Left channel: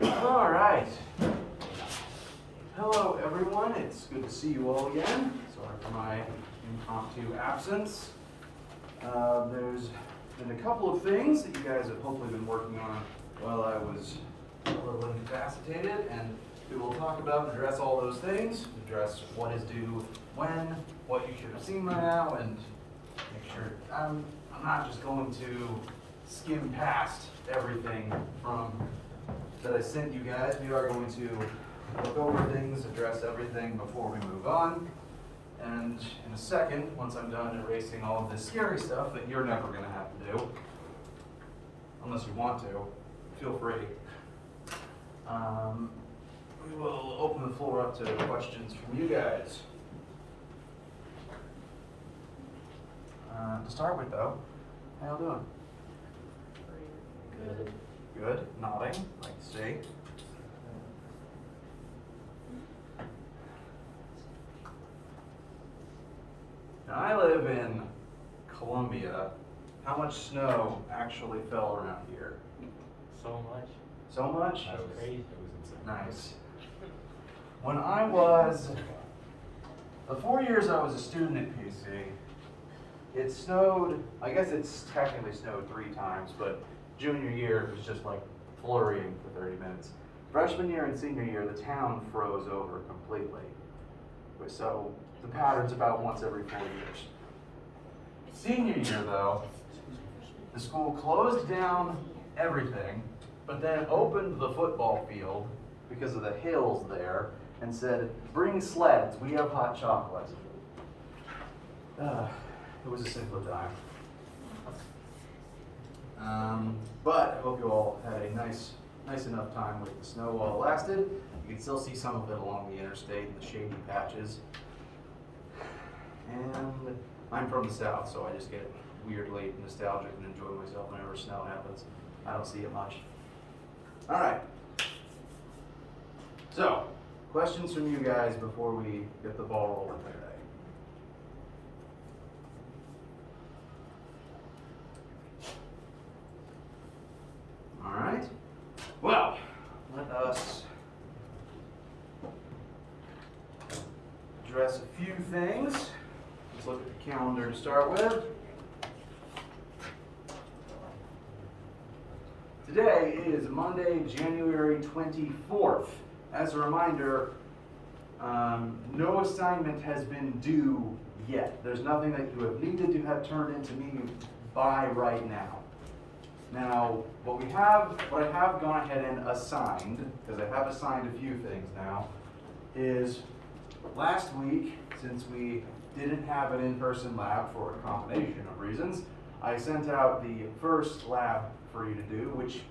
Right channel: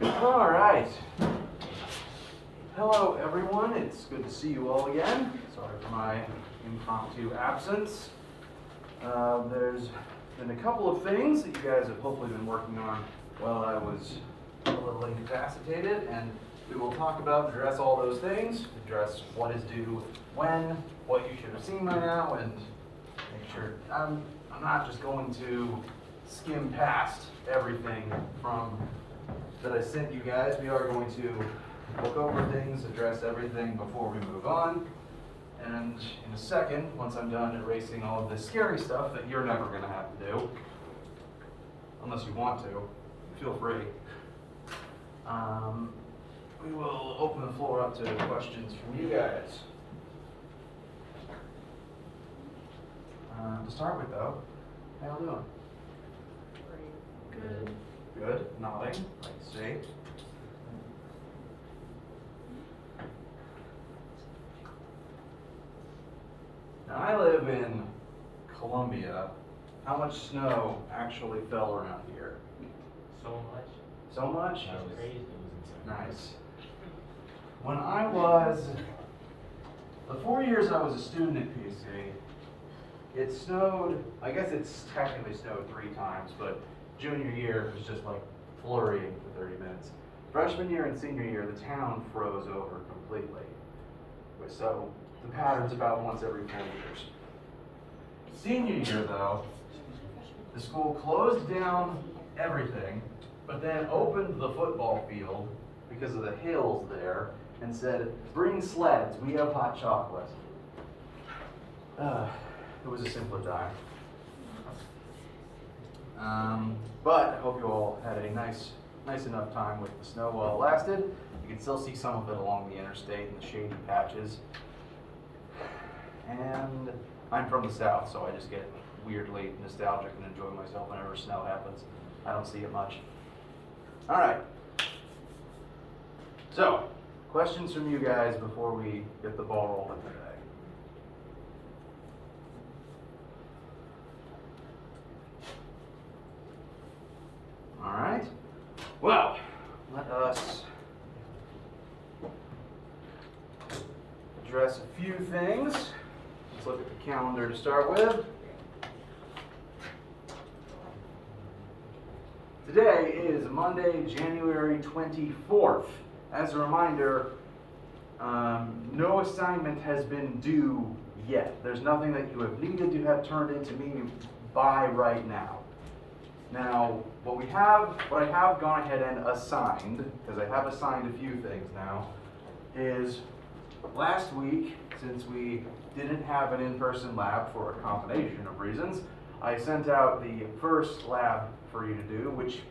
All right. Hello, everyone. It's good to see you all again. Sorry for my impromptu absence. There's been a couple of things that you guys have hopefully been working on while I was a little incapacitated, and we will talk about and address all those things, address what is due when, what you should have seen by now, and make sure I'm not just going to skim past everything from that I sent you guys. We are going to look over things, address everything before we move on. And in a second, once I'm done erasing all of this scary stuff that you're never going to have to do, unless you want to, feel free. We will open the floor up to questions from you guys. To start with, though, how y'all doing? Good. Good. Nodding. Let's see. Now, I live in Columbia. How much snow actually fell around here? So much. So much? That was crazy. Nice. When I was, the 4 years I was a student at PC, it snowed, I guess it's technically snowed 3 times, but junior year it was just like flurrying for 30 minutes. Freshman year and senior year, the town froze over completely. So the pattern's about once every 4 years. Senior year though, the school closed down everything, but then opened the football field because of the hills there and said, bring sleds, we have hot chocolate. It was a simpler time. But I hope you all had a nice enough time with the snow while it lasted. You can still see some of it along the interstate in the shady patches. And I'm from the south, so I just get weirdly nostalgic and enjoy myself whenever snow happens. I don't see it much. All right. So, questions from you guys before we get the ball rolling today. All right. Well, let us address a few things. Let's look at the calendar to start with. Today is Monday, January 24th. As a reminder, no assignment has been due yet. There's nothing that you have needed to have turned into me by right now. Now, what I have gone ahead and assigned, because I have assigned a few things now, is last week, since we didn't have an in-person lab for a combination of reasons, I sent out the first lab for you to do, which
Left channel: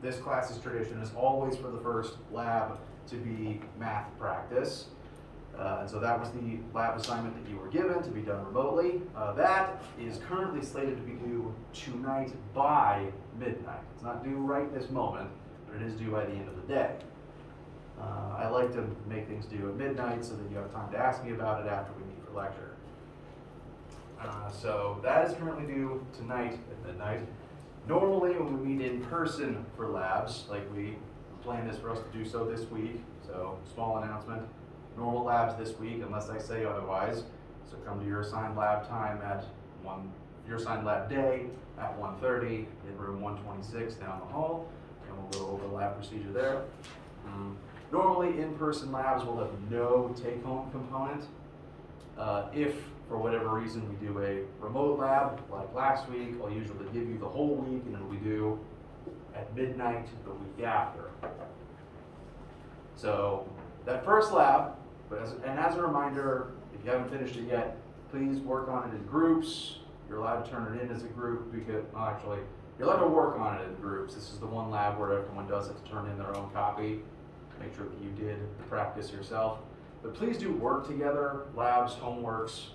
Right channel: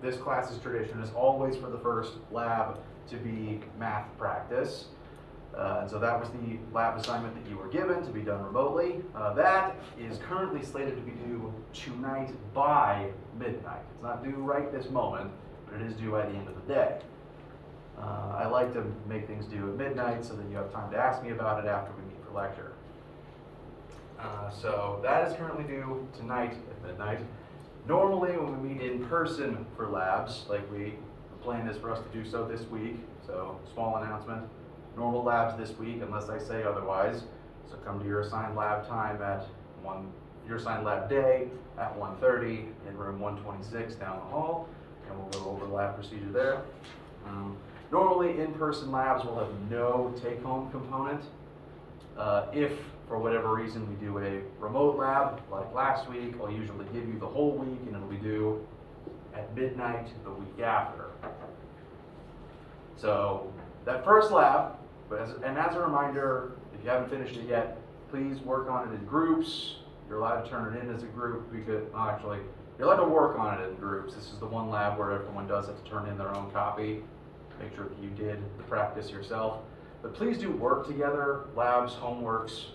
this class's tradition is always for the first lab to be math practice. And so that was the lab assignment that you were given to be done remotely. That is currently slated to be due tonight by midnight. It's not due right this moment, but it is due by the end of the day. I like to make things due at midnight so that you have time to ask me about it after we meet for lecture. So that is currently due tonight at midnight. Normally when we meet in person for labs, like we planned this for us to do so this week, so small announcement, normal labs this week unless I say otherwise. So come to your assigned lab time at your assigned lab day at 1:30 in room 126 down the hall, and we'll go over lab procedure there. Normally in-person labs will have no take-home component. If for whatever reason we do a remote lab, like last week, I'll usually give you the whole week and it'll be due at midnight the week after. So that first lab, and as a reminder, if you haven't finished it yet, please work on it in groups. You're allowed to turn it in as a group because, actually, you're allowed to work on it in groups. This is the one lab where everyone does have to turn in their own copy. Make sure that you did the practice yourself. But please do work together, labs, homeworks,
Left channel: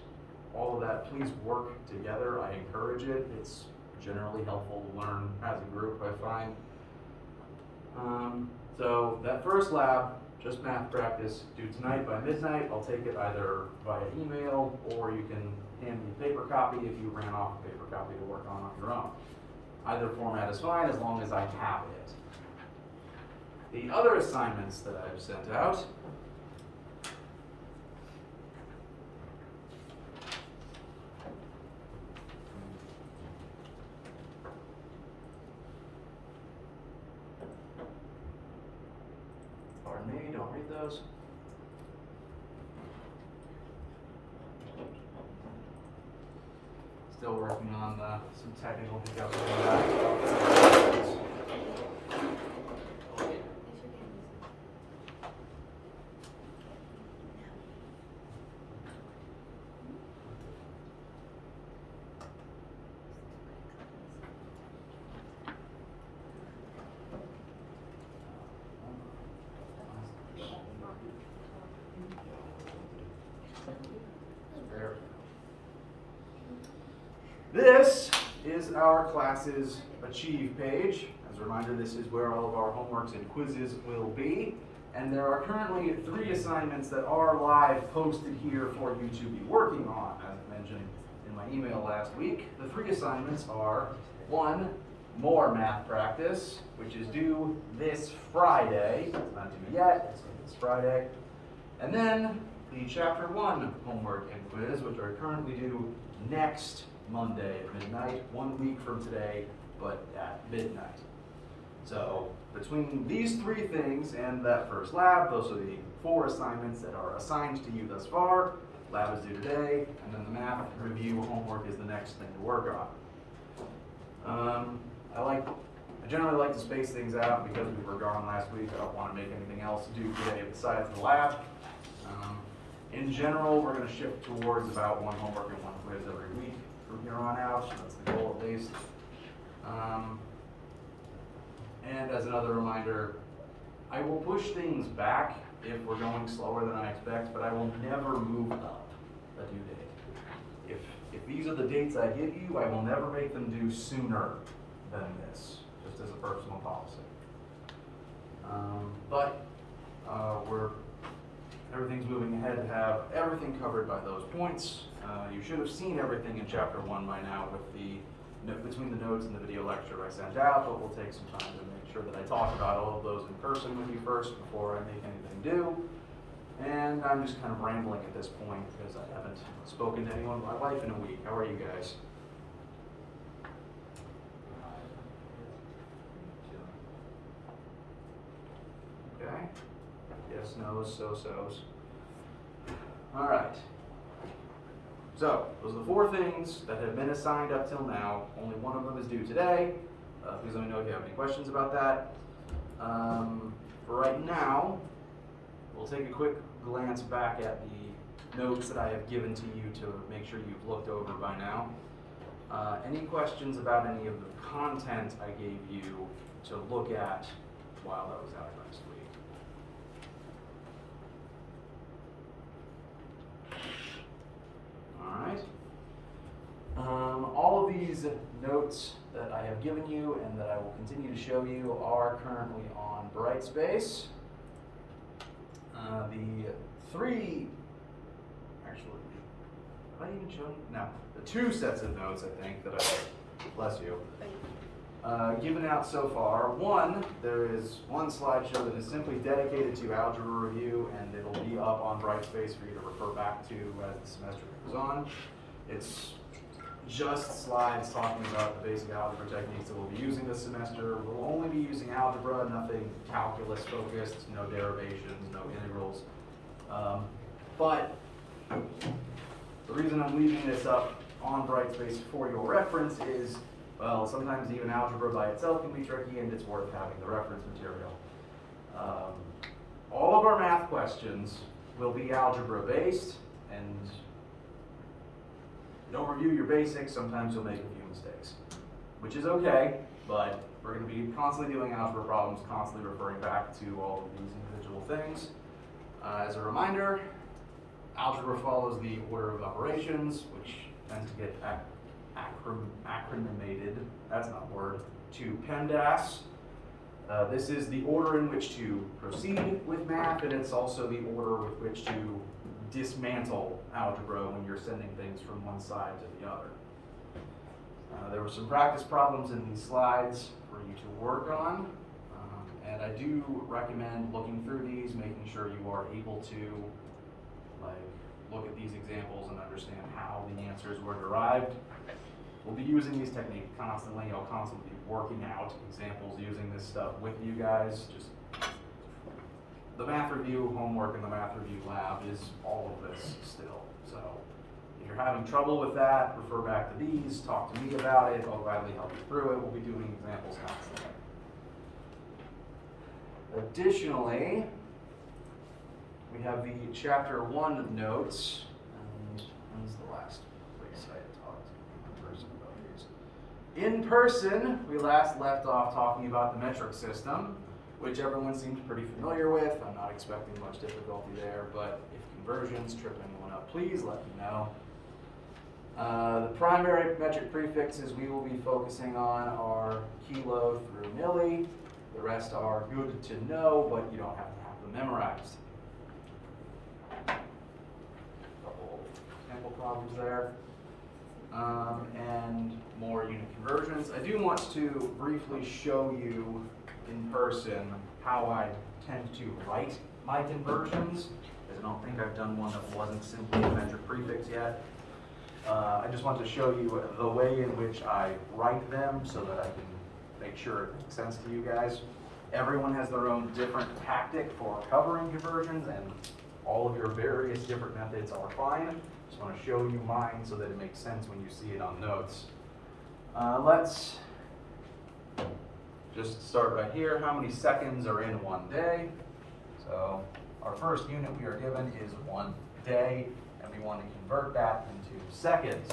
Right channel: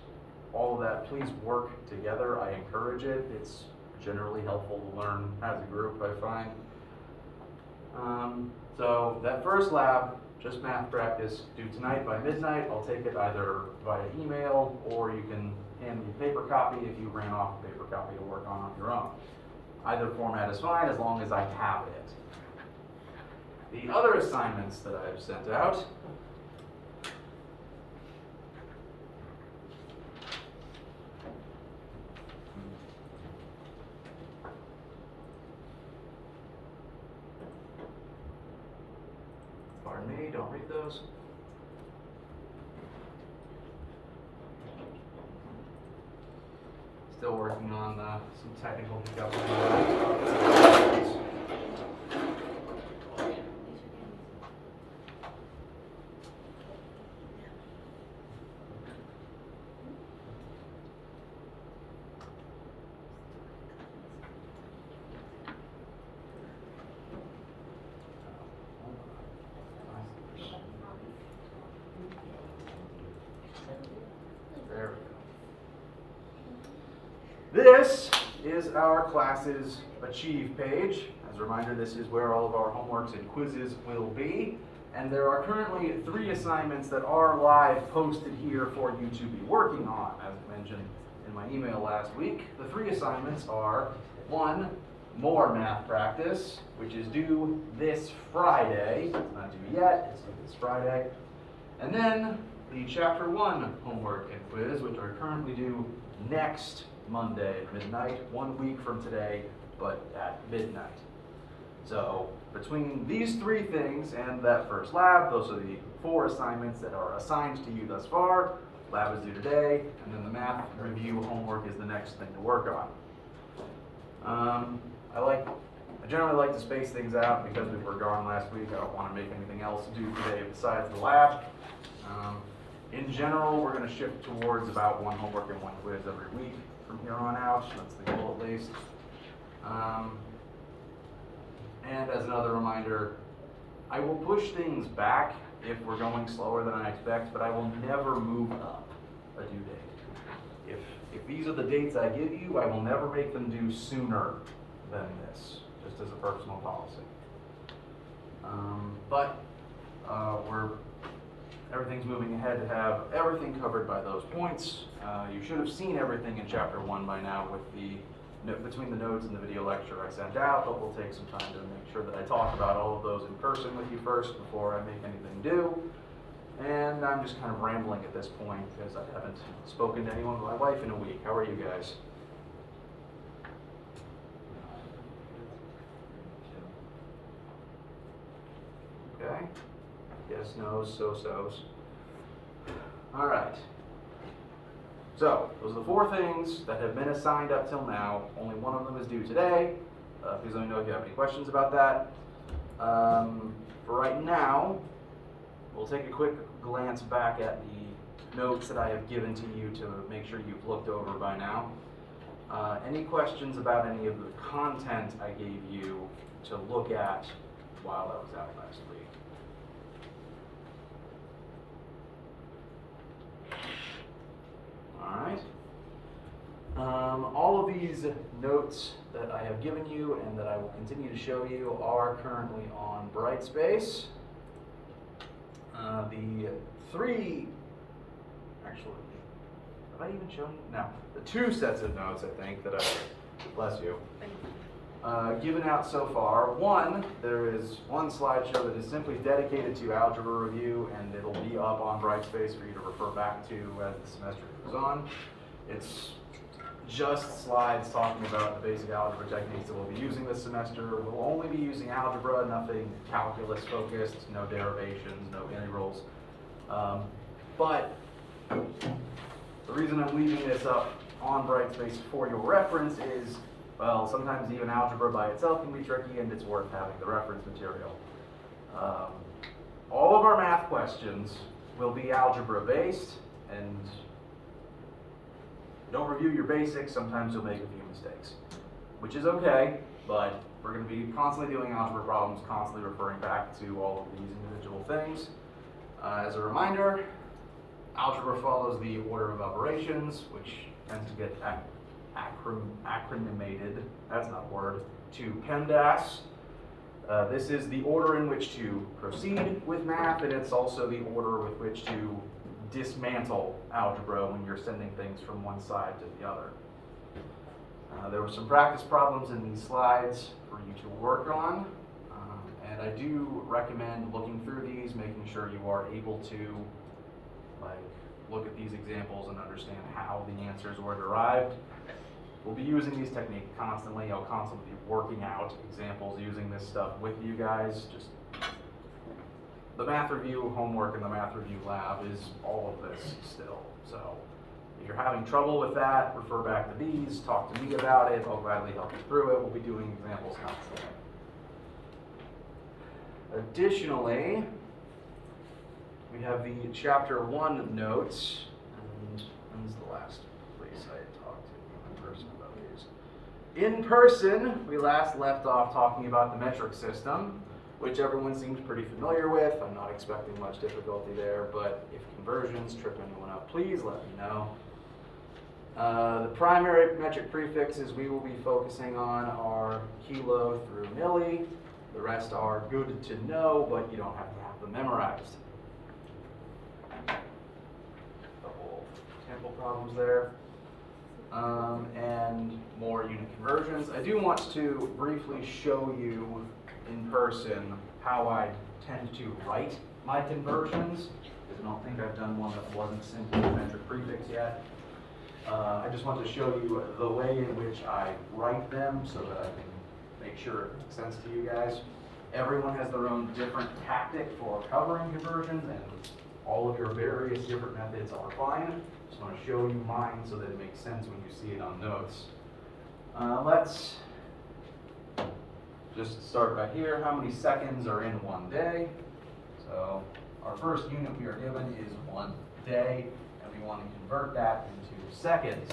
all of that. Please work together. I encourage it. It's generally helpful to learn as a group, I find. So that first lab, just math practice, due tonight by midnight. I'll take it either via email or you can hand me a paper copy if you ran off a paper copy to work on your own. Either format is fine as long as I have it. the other assignments that I have sent out. Pardon me, don't read those. Still working on some technical hiccups with the laptop. There. This is our class's Achieve page. As a reminder, this is where all of our homeworks and quizzes will be. And there are currently 3 assignments that are live posted here for you to be working on. As mentioned in my email last week, the 3 assignments are 1, more math practice, which is due this Friday. It's not due yet, it's due this Friday. And then the Chapter 1 homework and quiz, which are currently due next Monday at midnight, 1 week from today, but at midnight. So between these 3 things and that first lab, those are the 4 assignments that are assigned to you thus far. Lab is due today, and then the math review homework is the next thing to work on. I generally like to space things out because we were gone last week. I don't want to make anything else due today besides the lab. In general, we're going to shift towards about 1 homework and 1 quiz every week from here on out. That's the goal at least. And as another reminder, I will push things back if we're going slower than I expect, but I will never move up a due date. If these are the dates I give you, I will never make them due sooner than this, just as a personal policy. Everything's moving ahead to have everything covered by those points. You should have seen everything in Chapter 1 by now with between the notes and the video lecture I sent out, but we'll take some time to make sure that I talk about all of those in person with you first before I make anything due. And I'm just kind of rambling at this point because I haven't spoken to anyone but my wife in a week. How are you guys? Okay. Yes, no's, so-sos. All right. So, those are the 4 things that have been assigned up till now. Only one of them is due today. Please let me know if you have any questions about that. For right now, we'll take a quick glance back at the notes that I have given to you to make sure you've looked over by now. Any questions about any of the content I gave you to look at while I was out last week? All right. All of these notes that I have given you and that I will continue to show you are currently on Brightspace. The 3, actually, have I even shown you? No, the 2 sets of notes I think that I, bless you, given out so far. 1, there is 1 slideshow that is simply dedicated to algebra review, and it'll be up on Brightspace for you to refer back to as the semester goes on. It's just slides talking about the basic algebra techniques that we'll be using this semester. We'll only be using algebra, nothing calculus focused, no derivations, no integrals. But the reason I'm leaving this up on Brightspace for your reference is, well, sometimes even algebra by itself can be tricky, and it's worth having the reference material. All of our math questions will be algebra based, and don't review your basics, sometimes you'll make a few mistakes, which is okay, but we're going to be constantly doing algebra problems, constantly referring back to all of these individual things. As a reminder, algebra follows the order of operations, which tends to get acronymated, that's not a word, to PEMDAS. This is the order in which to proceed with math, and it's also the order with which to dismantle algebra when you're sending things from one side to the other. There were some practice problems in these slides for you to work on, And I do recommend looking through these, making sure you are able to look at these examples and understand how the answers were derived. We'll be using these techniques constantly. I'll constantly be working out examples using this stuff with you guys. Just the math review homework in the math review lab is all of this still. So if you're having trouble with that, refer back to these, talk to me about it. I'll gladly help you through it. We'll be doing examples constantly. Additionally, we have the chapter 1 notes. And when's the last place I talked to you in person about these? In person, we last left off talking about the metric system, which everyone seems pretty familiar with. I'm not expecting much difficulty there, but if conversions trip anyone up, please let me know. The primary metric prefixes we will be focusing on are kilo through milli. The rest are good to know, but you don't have to have them memorized. Couple example problems there. And more unit conversions. I do want to briefly show you in person how I tend to write my conversions, because I don't think I've done one that wasn't simply a metric prefix yet. I just wanted to show you the way in which I write them so that I can make sure it makes sense to you guys. Everyone has their own different tactic for covering conversions, and all of your various different methods are fine. Just want to show you mine so that it makes sense when you see it on notes. Let's just start right here. How many seconds are in 1 day? So our first unit we are given is 1 day, and we want to convert that into seconds.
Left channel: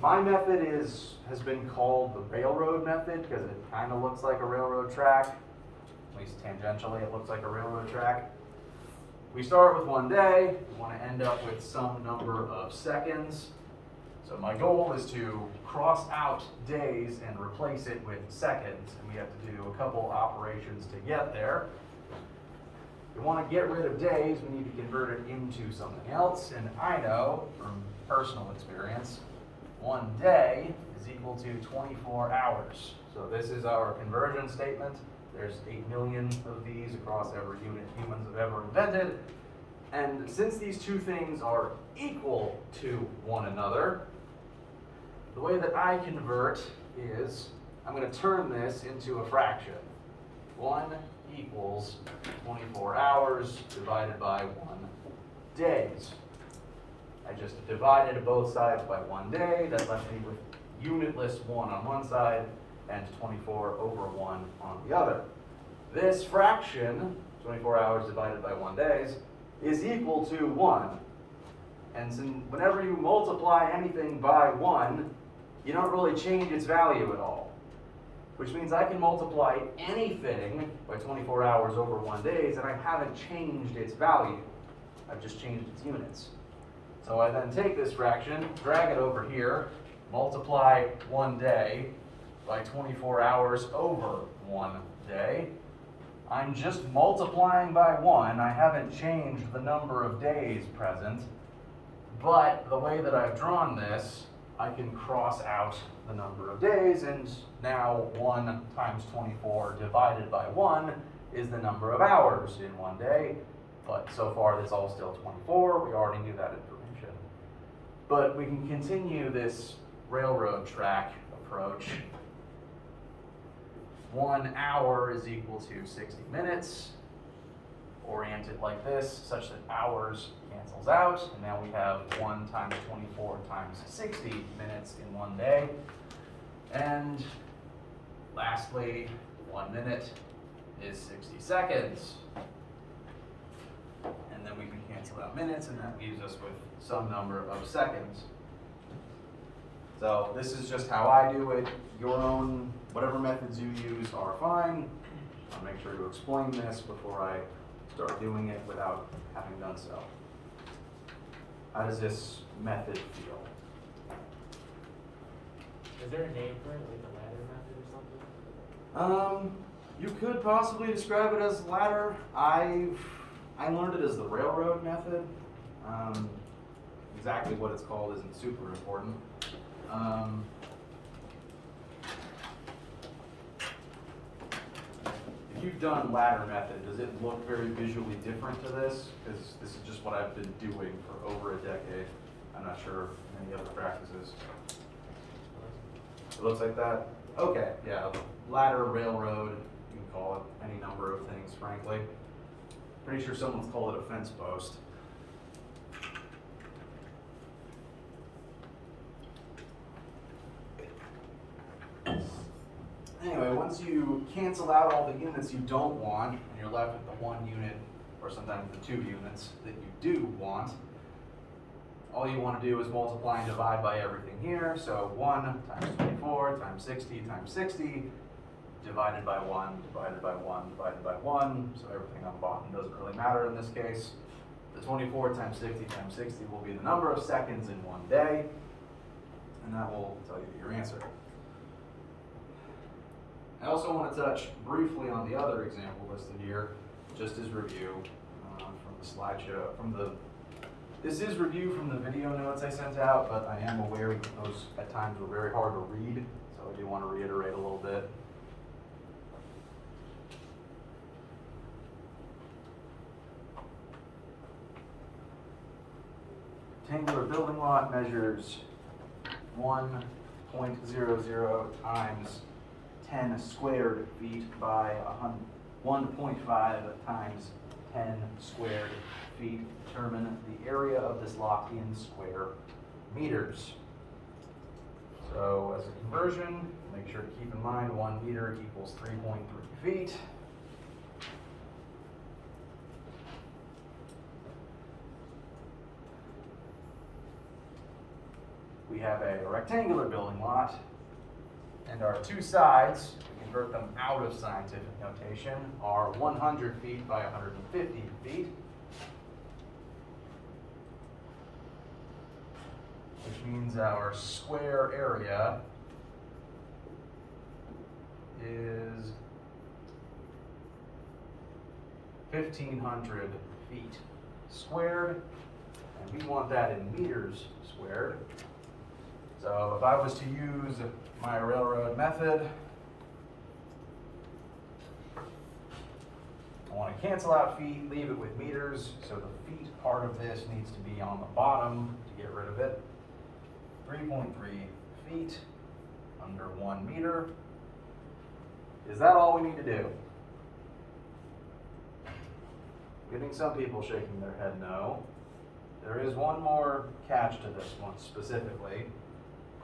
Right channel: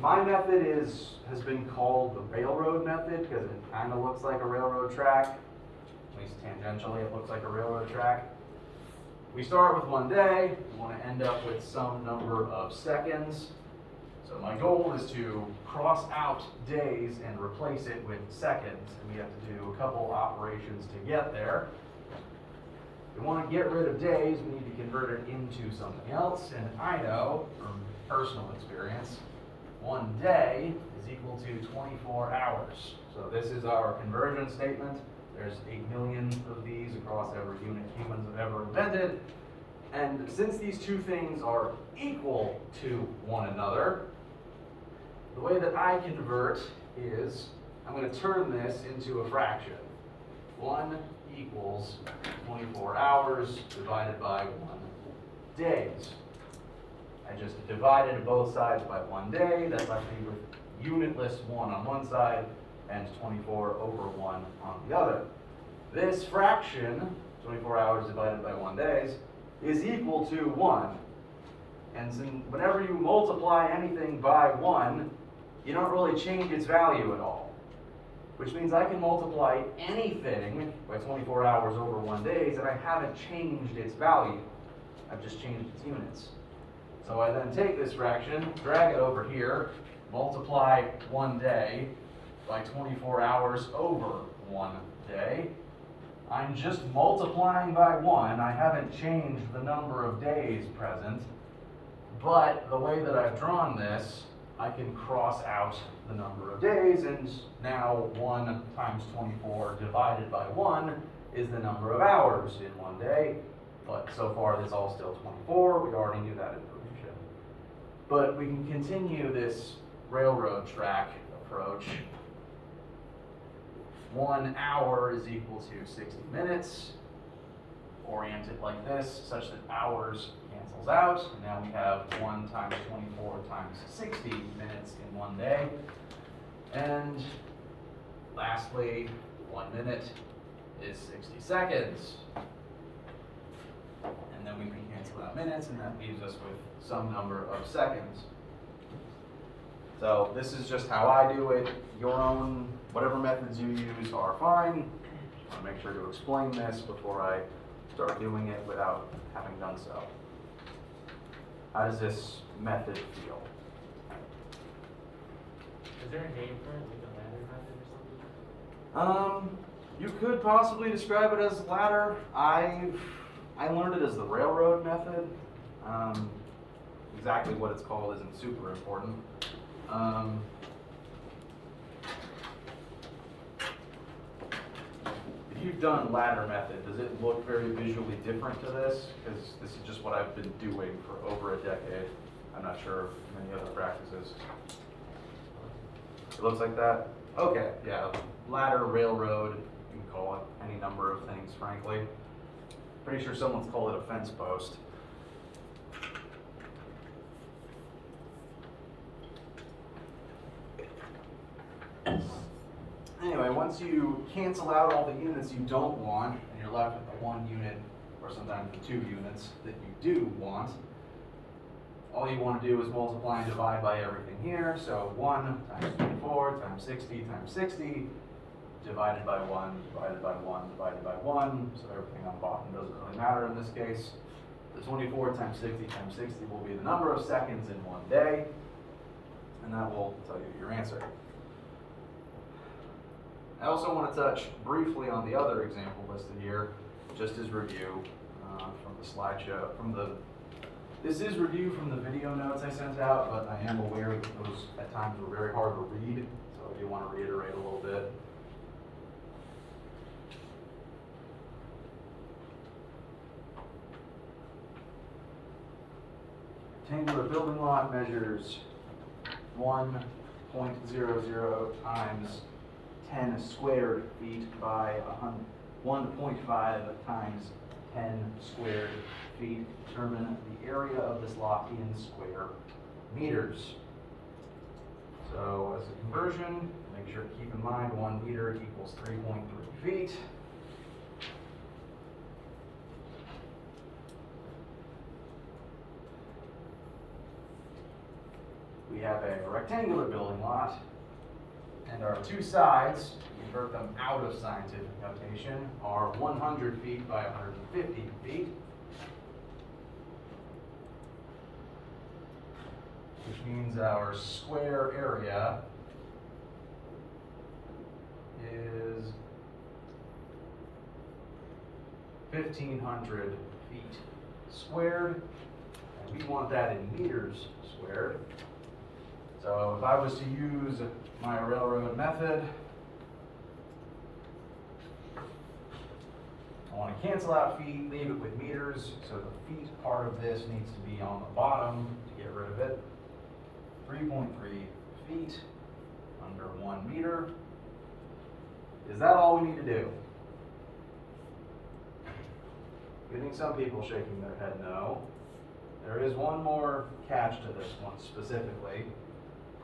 My method has been called the railroad method because it kind of looks like a railroad track. At least tangentially it looks like a railroad track. We start with 1 day. We want to end up with some number of seconds. So my goal is to cross out days and replace it with seconds. And we have to do a couple operations to get there. If we want to get rid of days, we need to convert it into something else. And I know from personal experience, 1 day is equal to 24 hours. So this is our conversion statement. There's 8 million of these across every unit humans have ever invented. And since these two things are equal to one another, the way that I convert is I'm going to turn this into a fraction. 1 equals 24 hours divided by 1 days. I just divided both sides by 1 day. That left me with unitless 1 on one side and 24 over 1 on the other. This fraction, 24 hours divided by 1 days, is equal to 1. And so whenever you multiply anything by 1, you don't really change its value at all. Which means I can multiply anything by 24 hours over 1 days, and I haven't changed its value. I've just changed its units. So I then take this fraction, drag it over here, multiply 1 day by 24 hours over 1 day. I'm just multiplying by 1. I haven't changed the number of days present. But the way that I've drawn this, I can cross out the number of days, and now 1 times 24 divided by 1 is the number of hours in 1 day. But so far this is all still 24. We already knew that information. But we can continue this railroad track approach. 1 hour is equal to 60 minutes. Orient it like this, such that hours cancels out. And now we have 1 times 24 times 60 minutes in 1 day. And lastly, 1 minute is 60 seconds. And then we can cancel out minutes, and that leaves us with some number of seconds. So this is just how I do it. Your own, whatever methods you use are fine. Just want to make sure to explain this before I start doing it without having done so. How does this method feel? Is there a name for it, like a ladder method or something? You could possibly describe it as ladder. I learned it as the railroad method. Exactly what it's called isn't super important. you've done ladder method, does it look very visually different to this? Because this is just what I've been doing for over a decade. I'm not sure of many other practices. It looks like that? Okay, yeah, ladder, railroad, you can call it any number of things, frankly. Pretty sure someone's called it a fence post. Anyway, once you cancel out all the units you don't want, and you're left with the one unit, or sometimes the two units that you do want, all you want to do is multiply and divide by everything here. So 1 times 24 times 60 times 60, divided by 1, divided by 1, divided by 1. So everything on the bottom doesn't really matter in this case. The 24 times 60 times 60 will be the number of seconds in one day, and that will tell you your answer. I also want to touch briefly on the other example listed here, just as review from the slideshow. This is review from the video notes I sent out, but I am aware that those at times were very hard to read, so I do want to reiterate a little bit. Rectangular building lot measures 1.00 times 10 squared feet by 1.5 times 10 squared feet. Determine the area of this lot in square meters. So as a conversion, make sure to keep in mind 1 meter equals 3.3 feet. We have a rectangular building lot, and our two sides, to convert them out of scientific notation, are 100 feet by 150 feet, which means our square area is 1,500 feet squared, and we want that in meters squared. So if I was to use my railroad method, I want to cancel out feet, leave it with meters, so the feet part of this needs to be on the bottom to get rid of it. 3.3 feet under 1 meter. Is that all we need to do? Getting some people shaking their head no. There is one more catch to this one specifically,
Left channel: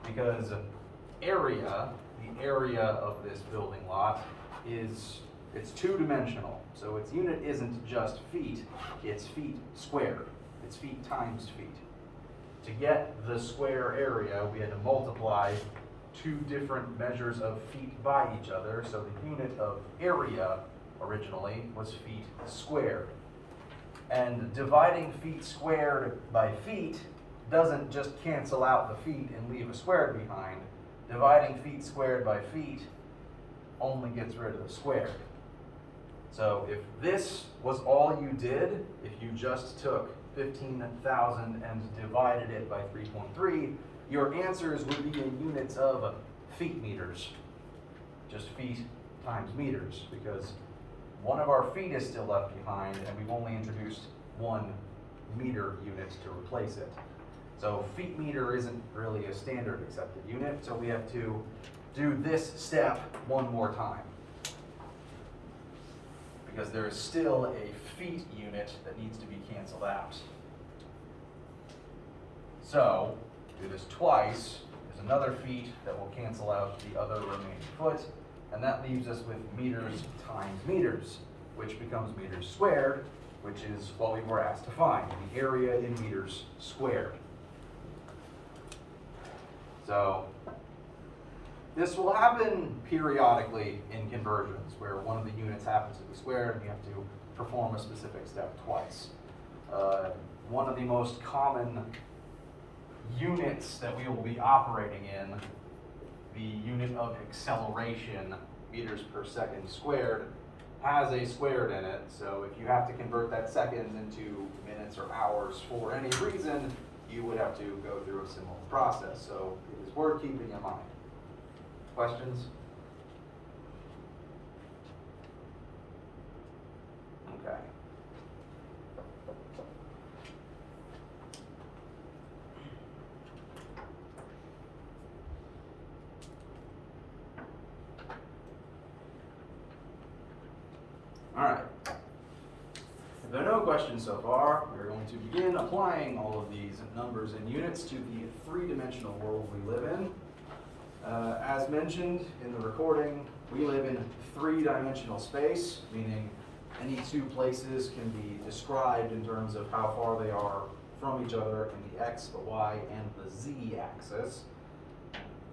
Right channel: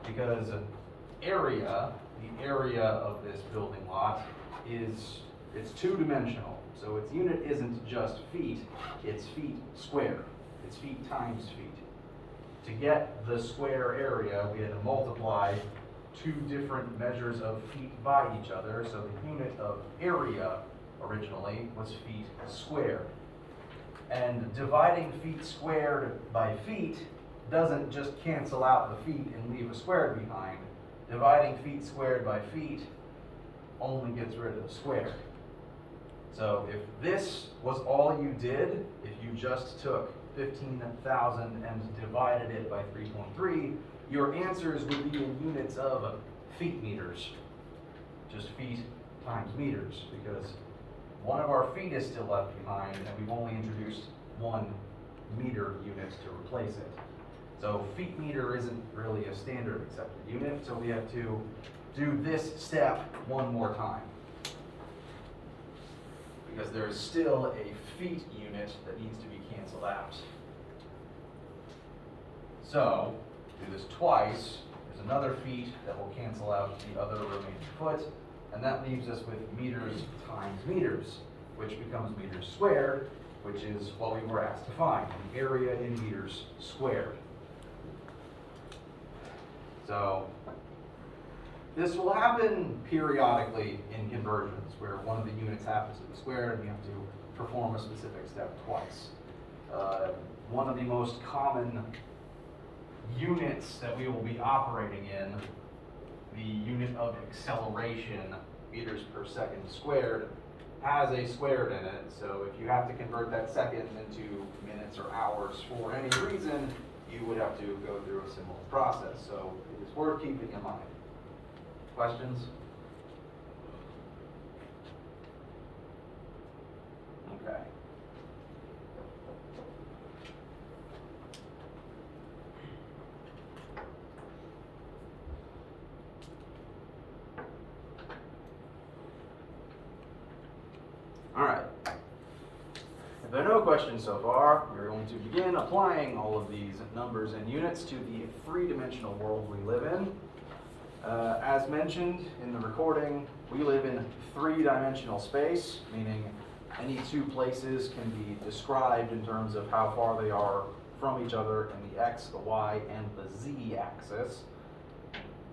because area, the area of this building lot, it's two-dimensional. So its unit isn't just feet, it's feet squared. It's feet times feet. To get the square area, we had to multiply two different measures of feet by each other. So the unit of area originally was feet squared. And dividing feet squared by feet doesn't just cancel out the feet and leave a square behind. Dividing feet squared by feet only gets rid of the square. So if this was all you did, if you just took 15,000 and divided it by 3.3, your answers would be in units of feet meters. Just feet times meters, because one of our feet is still left behind and we've only introduced 1 meter unit to replace it. So feet meter isn't really a standard accepted unit, so we have to do this step one more time, because there is still a feet unit that needs to be canceled out. So, do this twice. There's another feet that will cancel out the other remaining foot, and that leaves us with meters times meters, which becomes meters squared, which is what we were asked to find, the area in meters squared. So, this will happen periodically in conversions, where one of the units happens to be squared and you have to perform a specific step twice. One of the most common units that we will be operating in, the unit of acceleration, meters per second squared, has a squared in it. So if you have to convert that seconds into minutes or hours for any reason, you would have to go through a similar process. So it is worth keeping in mind. Questions? All right. If there are no questions so far, we're going to begin applying all of these numbers and units to the three-dimensional world we live in. As mentioned in the recording, we live in three-dimensional space, meaning any two places can be described in terms of how far they are from each other in the x, the y, and the z axis.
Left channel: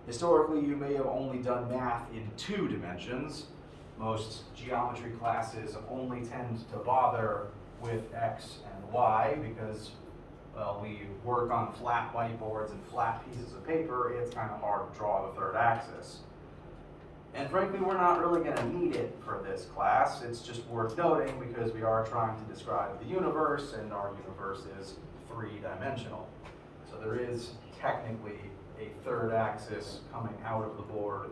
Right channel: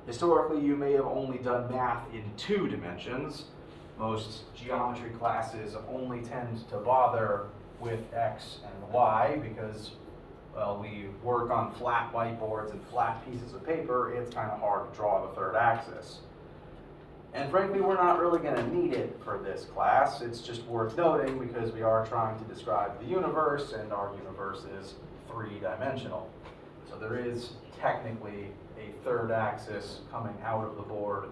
Historically, you may have only done math in 2 dimensions. Most geometry classes only tend to bother with x and y because, well, we work on flat whiteboards and flat pieces of paper. It's kind of hard to draw the third axis. And frankly, we're not really going to need it for this class. It's just worth noting because we are trying to describe the universe, and our universe is three-dimensional. So there is technically a third axis coming out of the board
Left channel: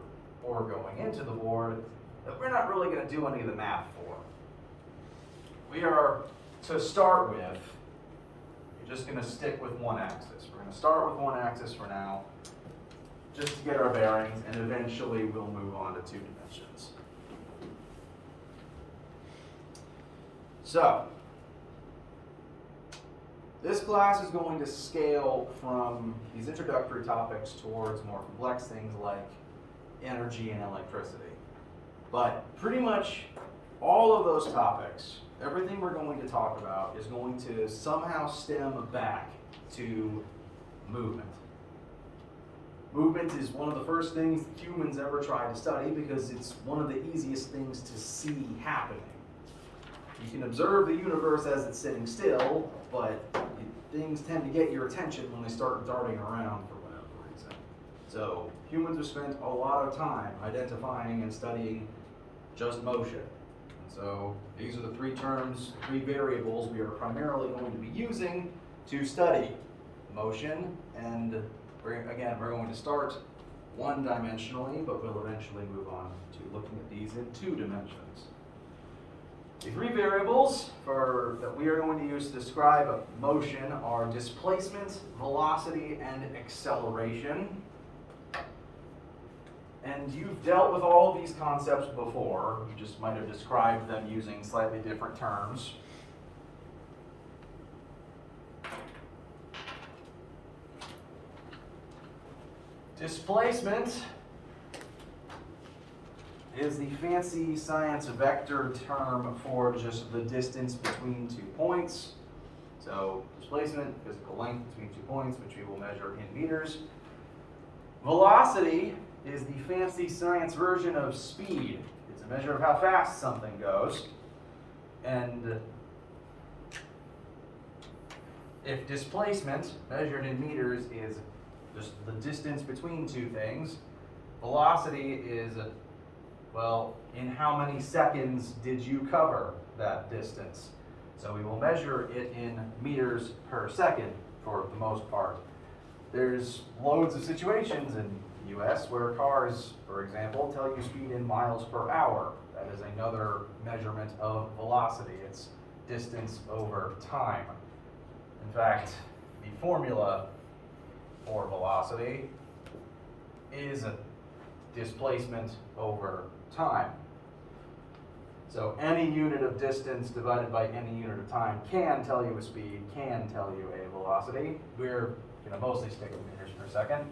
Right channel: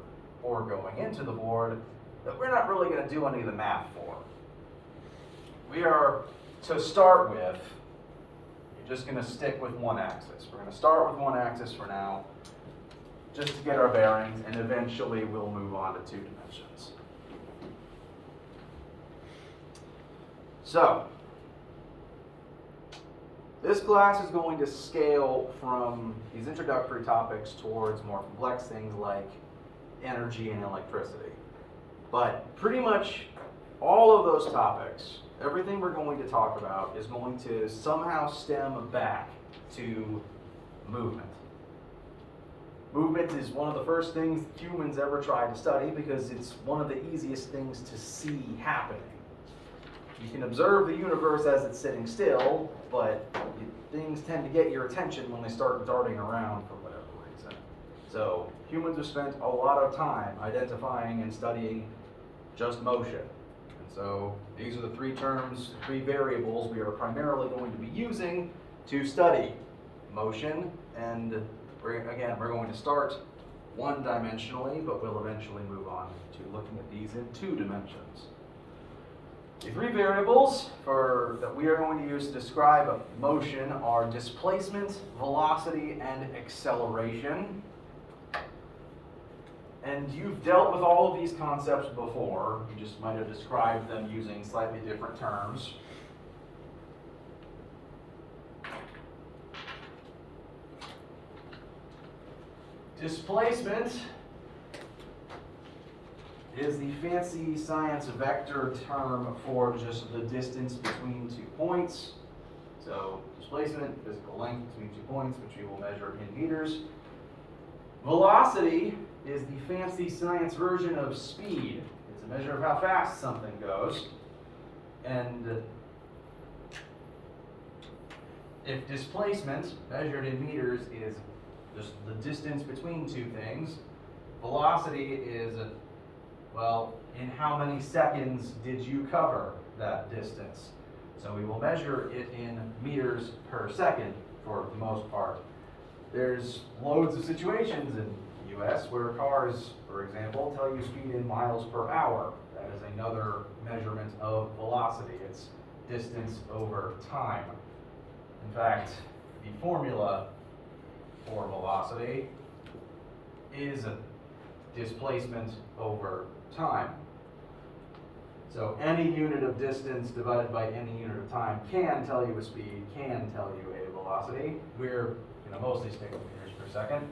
or going into the board that we're not really going to do any of the math for. We are, to start with, you're just going to stick with one axis. We're going to start with one axis for now, just to get our bearings, and eventually we'll move on to 2 dimensions. So, this class is going to scale from these introductory topics towards more complex things like energy and electricity. But pretty much all of those topics, everything we're going to talk about is going to somehow stem back to movement. Movement is one of the first things humans ever tried to study because it's one of the easiest things to see happening. You can observe the universe as it's sitting still, but things tend to get your attention when they start darting around for whatever reason. So humans have spent a lot of time identifying and studying just motion. And so these are the 3 terms, 3 variables we are primarily going to be using to study motion. And we're going to start one-dimensionally, but we'll eventually move on to looking at these in 2 dimensions. The 3 variables that we are going to use to describe motion are displacement, velocity, and acceleration. And you've dealt with all of these concepts before. You just might have described them using slightly different terms. Displacement is the fancy science vector term for just the distance between 2 points. So displacement, physical length between 2 points, which we will measure in meters. Velocity is the fancy science version of speed. It's a measure of how fast something goes. And if displacement, measured in meters, is just the distance between 2 things, velocity is, well, in how many seconds did you cover that distance? So we will measure it in meters per second for the most part. There's loads of situations in the US where cars, for example, tell you speed in miles per hour. That is another measurement of velocity. It's distance over time. In fact, the formula for velocity is displacement over time. So any unit of distance divided by any unit of time can tell you a speed, can tell you a velocity. We're going to mostly stick with meters per second.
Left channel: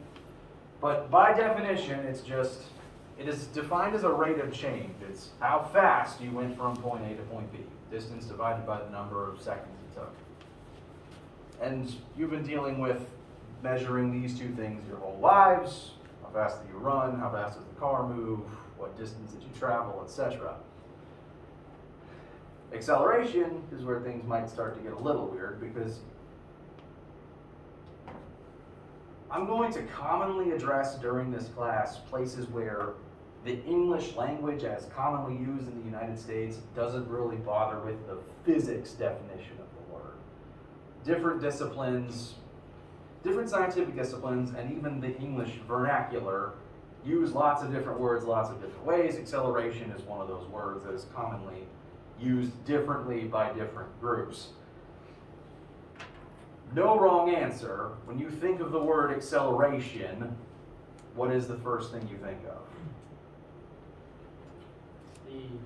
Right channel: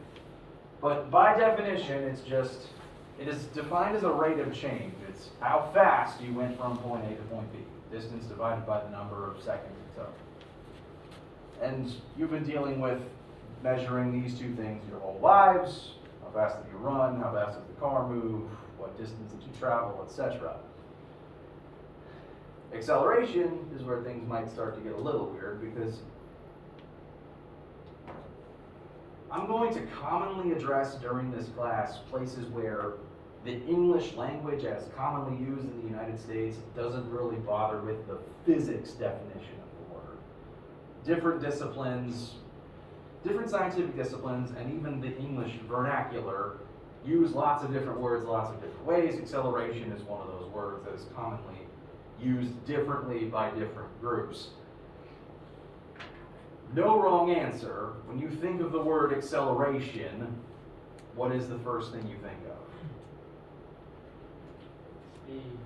But by definition, it is defined as a rate of change. It's how fast you went from point A to point B. Distance divided by the number of seconds it took. And you've been dealing with measuring these 2 things your whole lives. How fast did you run? How fast does the car move? What distance did you travel, etc. Acceleration is where things might start to get a little weird because I'm going to commonly address during this class places where the English language as commonly used in the United States doesn't really bother with the physics definition of the word. Different disciplines, different scientific disciplines, and even the English vernacular use lots of different words lots of different ways. Acceleration is one of those words that is commonly used differently by different groups. No wrong answer. When you think of the word acceleration, what is the first thing you think of? Speed.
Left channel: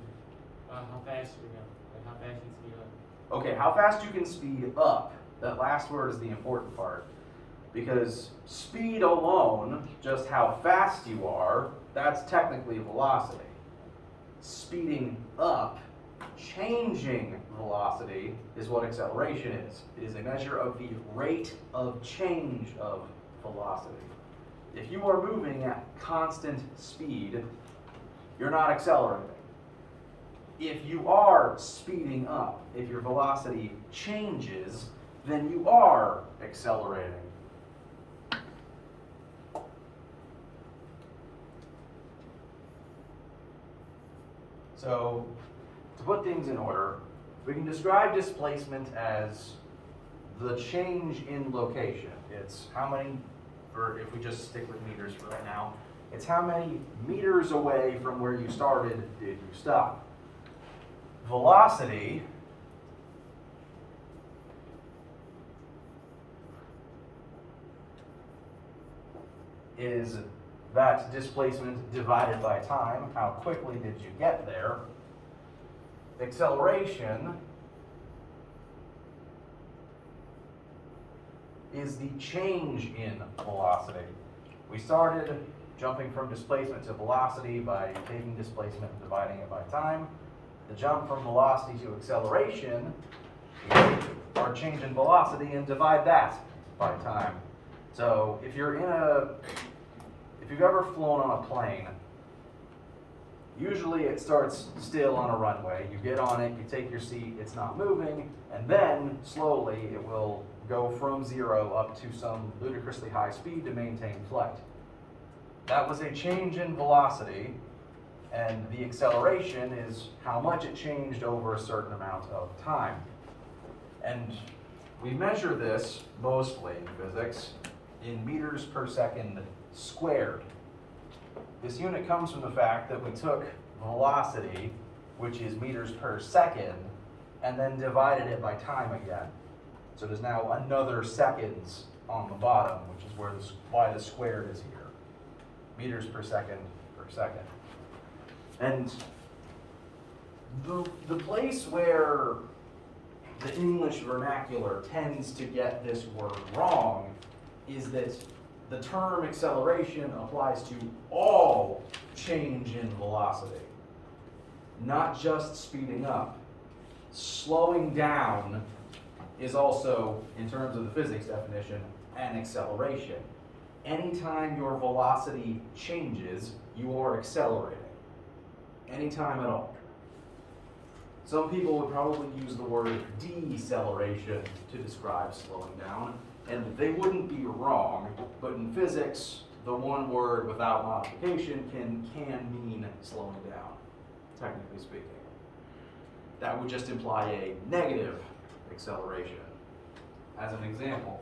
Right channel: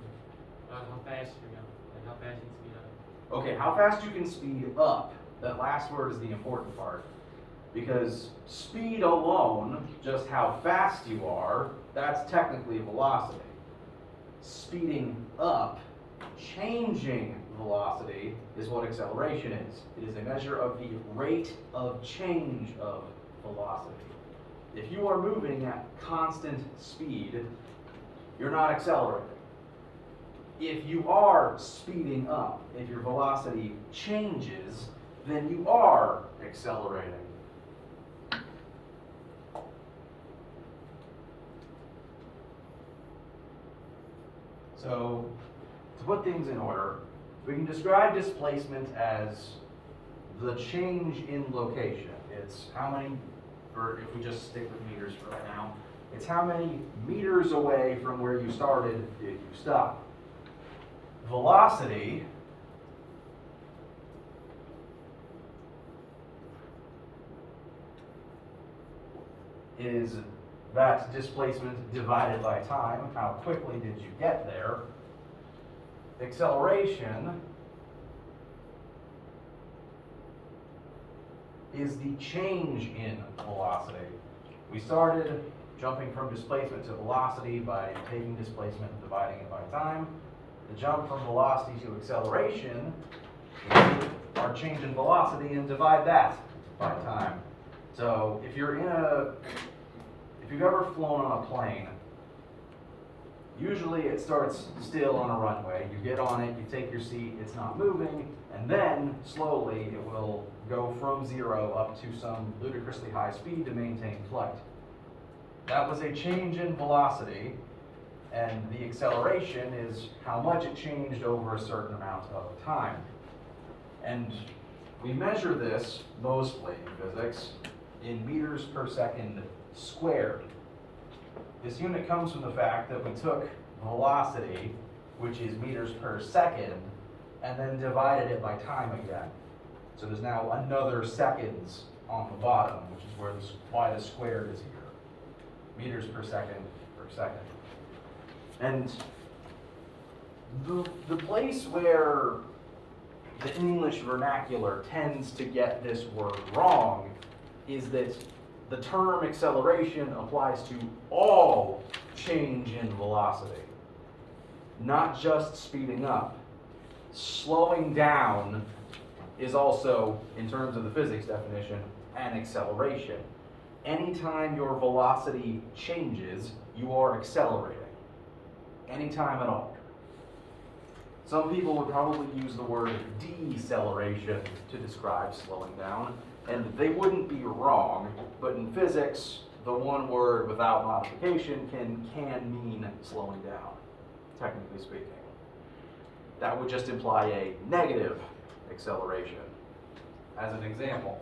How fast you're going, like how fast you can speed up. Okay, how fast you can speed up, that last word is the important part. Because speed alone, just how fast you are, that's technically velocity. Speeding up, changing velocity, is what acceleration is. It is a measure of the rate of change of velocity. If you are moving at constant speed, you're not accelerating. If you are speeding up, if your velocity changes, then you are accelerating. So, to put things in order, we can describe displacement as the change in location. It's how many, if we just stick with meters for right now, it's how many meters away from where you started did you stop. Velocity is that displacement divided by time. How quickly did you get there? Acceleration is the change in velocity. We started jumping from displacement to velocity by taking displacement and dividing it by time. The jump from velocity to acceleration, we take our change in velocity and divide that by time. So if you've ever flown on a plane, usually it starts still on a runway. You get on it, you take your seat, it's not moving, and then slowly it will go from 0 up to some ludicrously high speed to maintain flight. That was a change in velocity, and the acceleration is how much it changed over a certain amount of time. And we measure this mostly in physics in meters per second squared. This unit comes from the fact that we took velocity, which is meters per second, and then divided it by time again. So there's now another seconds on the bottom, which is why the squared is here. Meters per second per second. And the place where the English vernacular tends to get this word wrong is that the term acceleration applies to all change in velocity, not just speeding up. Slowing down is also, in terms of the physics definition, an acceleration. Anytime your velocity changes, you are accelerating. Anytime at all. Some people would probably use the word deceleration to describe slowing down, and they wouldn't be wrong, but in physics, the one word without modification can mean slowing down, technically speaking. That would just imply a negative acceleration. As an example,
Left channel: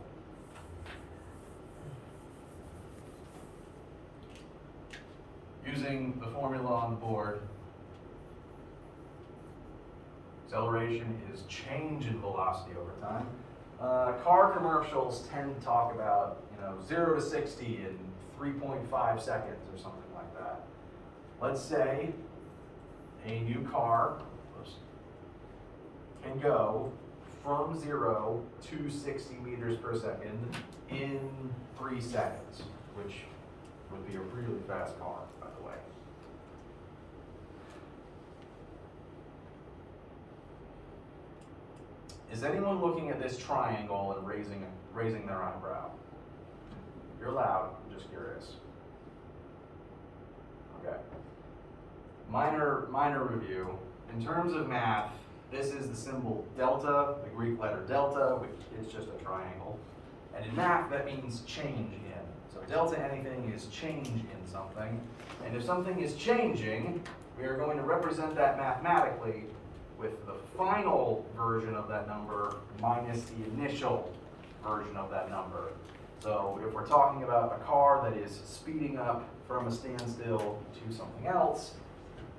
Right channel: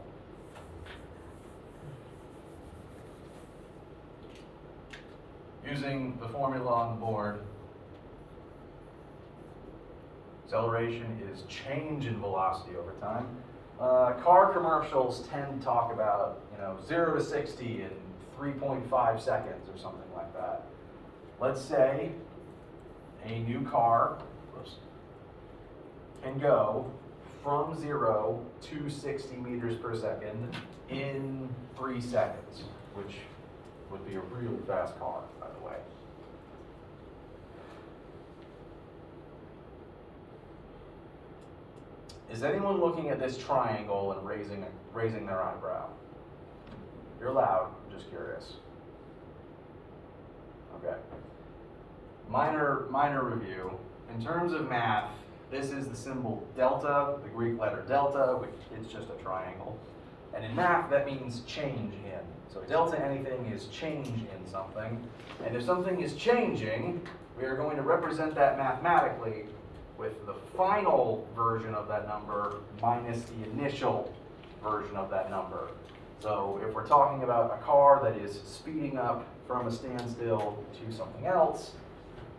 using the formula on the board, acceleration is change in velocity over time. Car commercials tend to talk about 0 to 60 in 3.5 seconds or something like that. Let's say a new car can go from 0 to 60 meters per second in 3 seconds, which would be a really fast car, by the way. Is anyone looking at this triangle and raising their eyebrow? You're loud, I'm just curious. Okay. Minor review. In terms of math, this is the symbol delta, the Greek letter delta, which is just a triangle. And in math, that means change in. So delta anything is change in something. And if something is changing, we are going to represent that mathematically with the final version of that number minus the initial version of that number. So if we're talking about a car that is speeding up from a standstill to something else,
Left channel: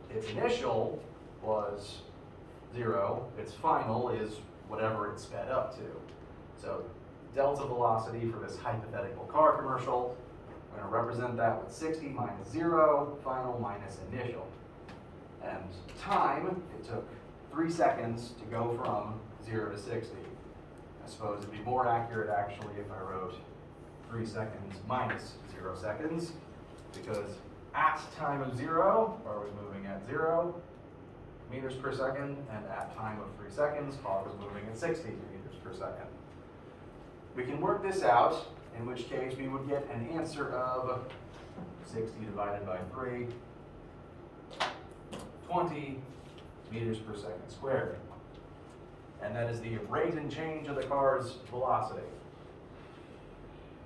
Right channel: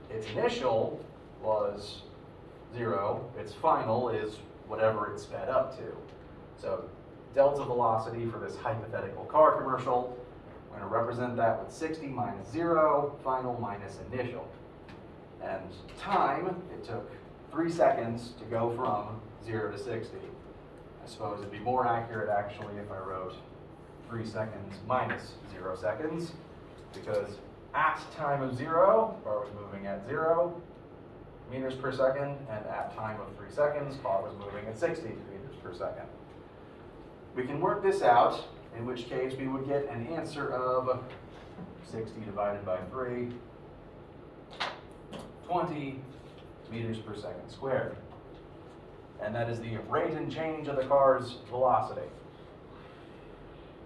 its initial was 0, its final is whatever it sped up to. So delta velocity for this hypothetical car commercial, I'm going to represent that with 60 minus 0, final minus initial. And time, it took 3 seconds to go from 0 to 60. I suppose it'd be more accurate actually if I wrote 3 seconds minus 0 seconds, because at time of 0, car was moving at 0 meters per second, and at time of 3 seconds, car was moving at 60 meters per second. We can work this out, in which case we would get an answer of 60 divided by 3, 20 meters per second squared. And that is the rate and change of the car's velocity.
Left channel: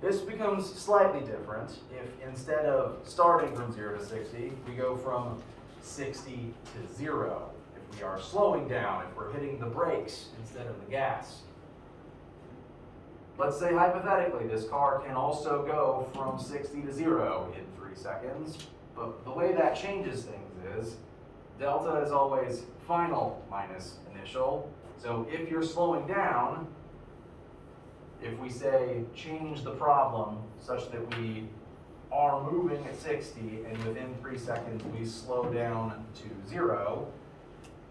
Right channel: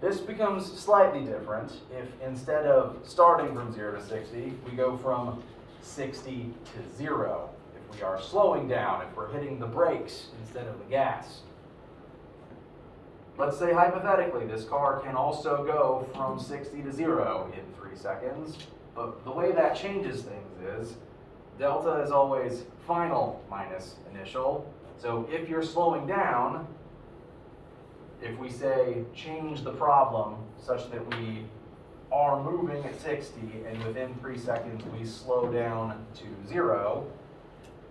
This becomes slightly different if instead of starting from 0 to 60, we go from 60 to 0. If we are slowing down, if we're hitting the brakes instead of the gas. Let's say hypothetically this car can also go from 60 to 0 in 3 seconds, but the way that changes things is delta is always final minus initial. So if you're slowing down, if we say change the problem such that we are moving at 60 and within 3 seconds we slow down to 0,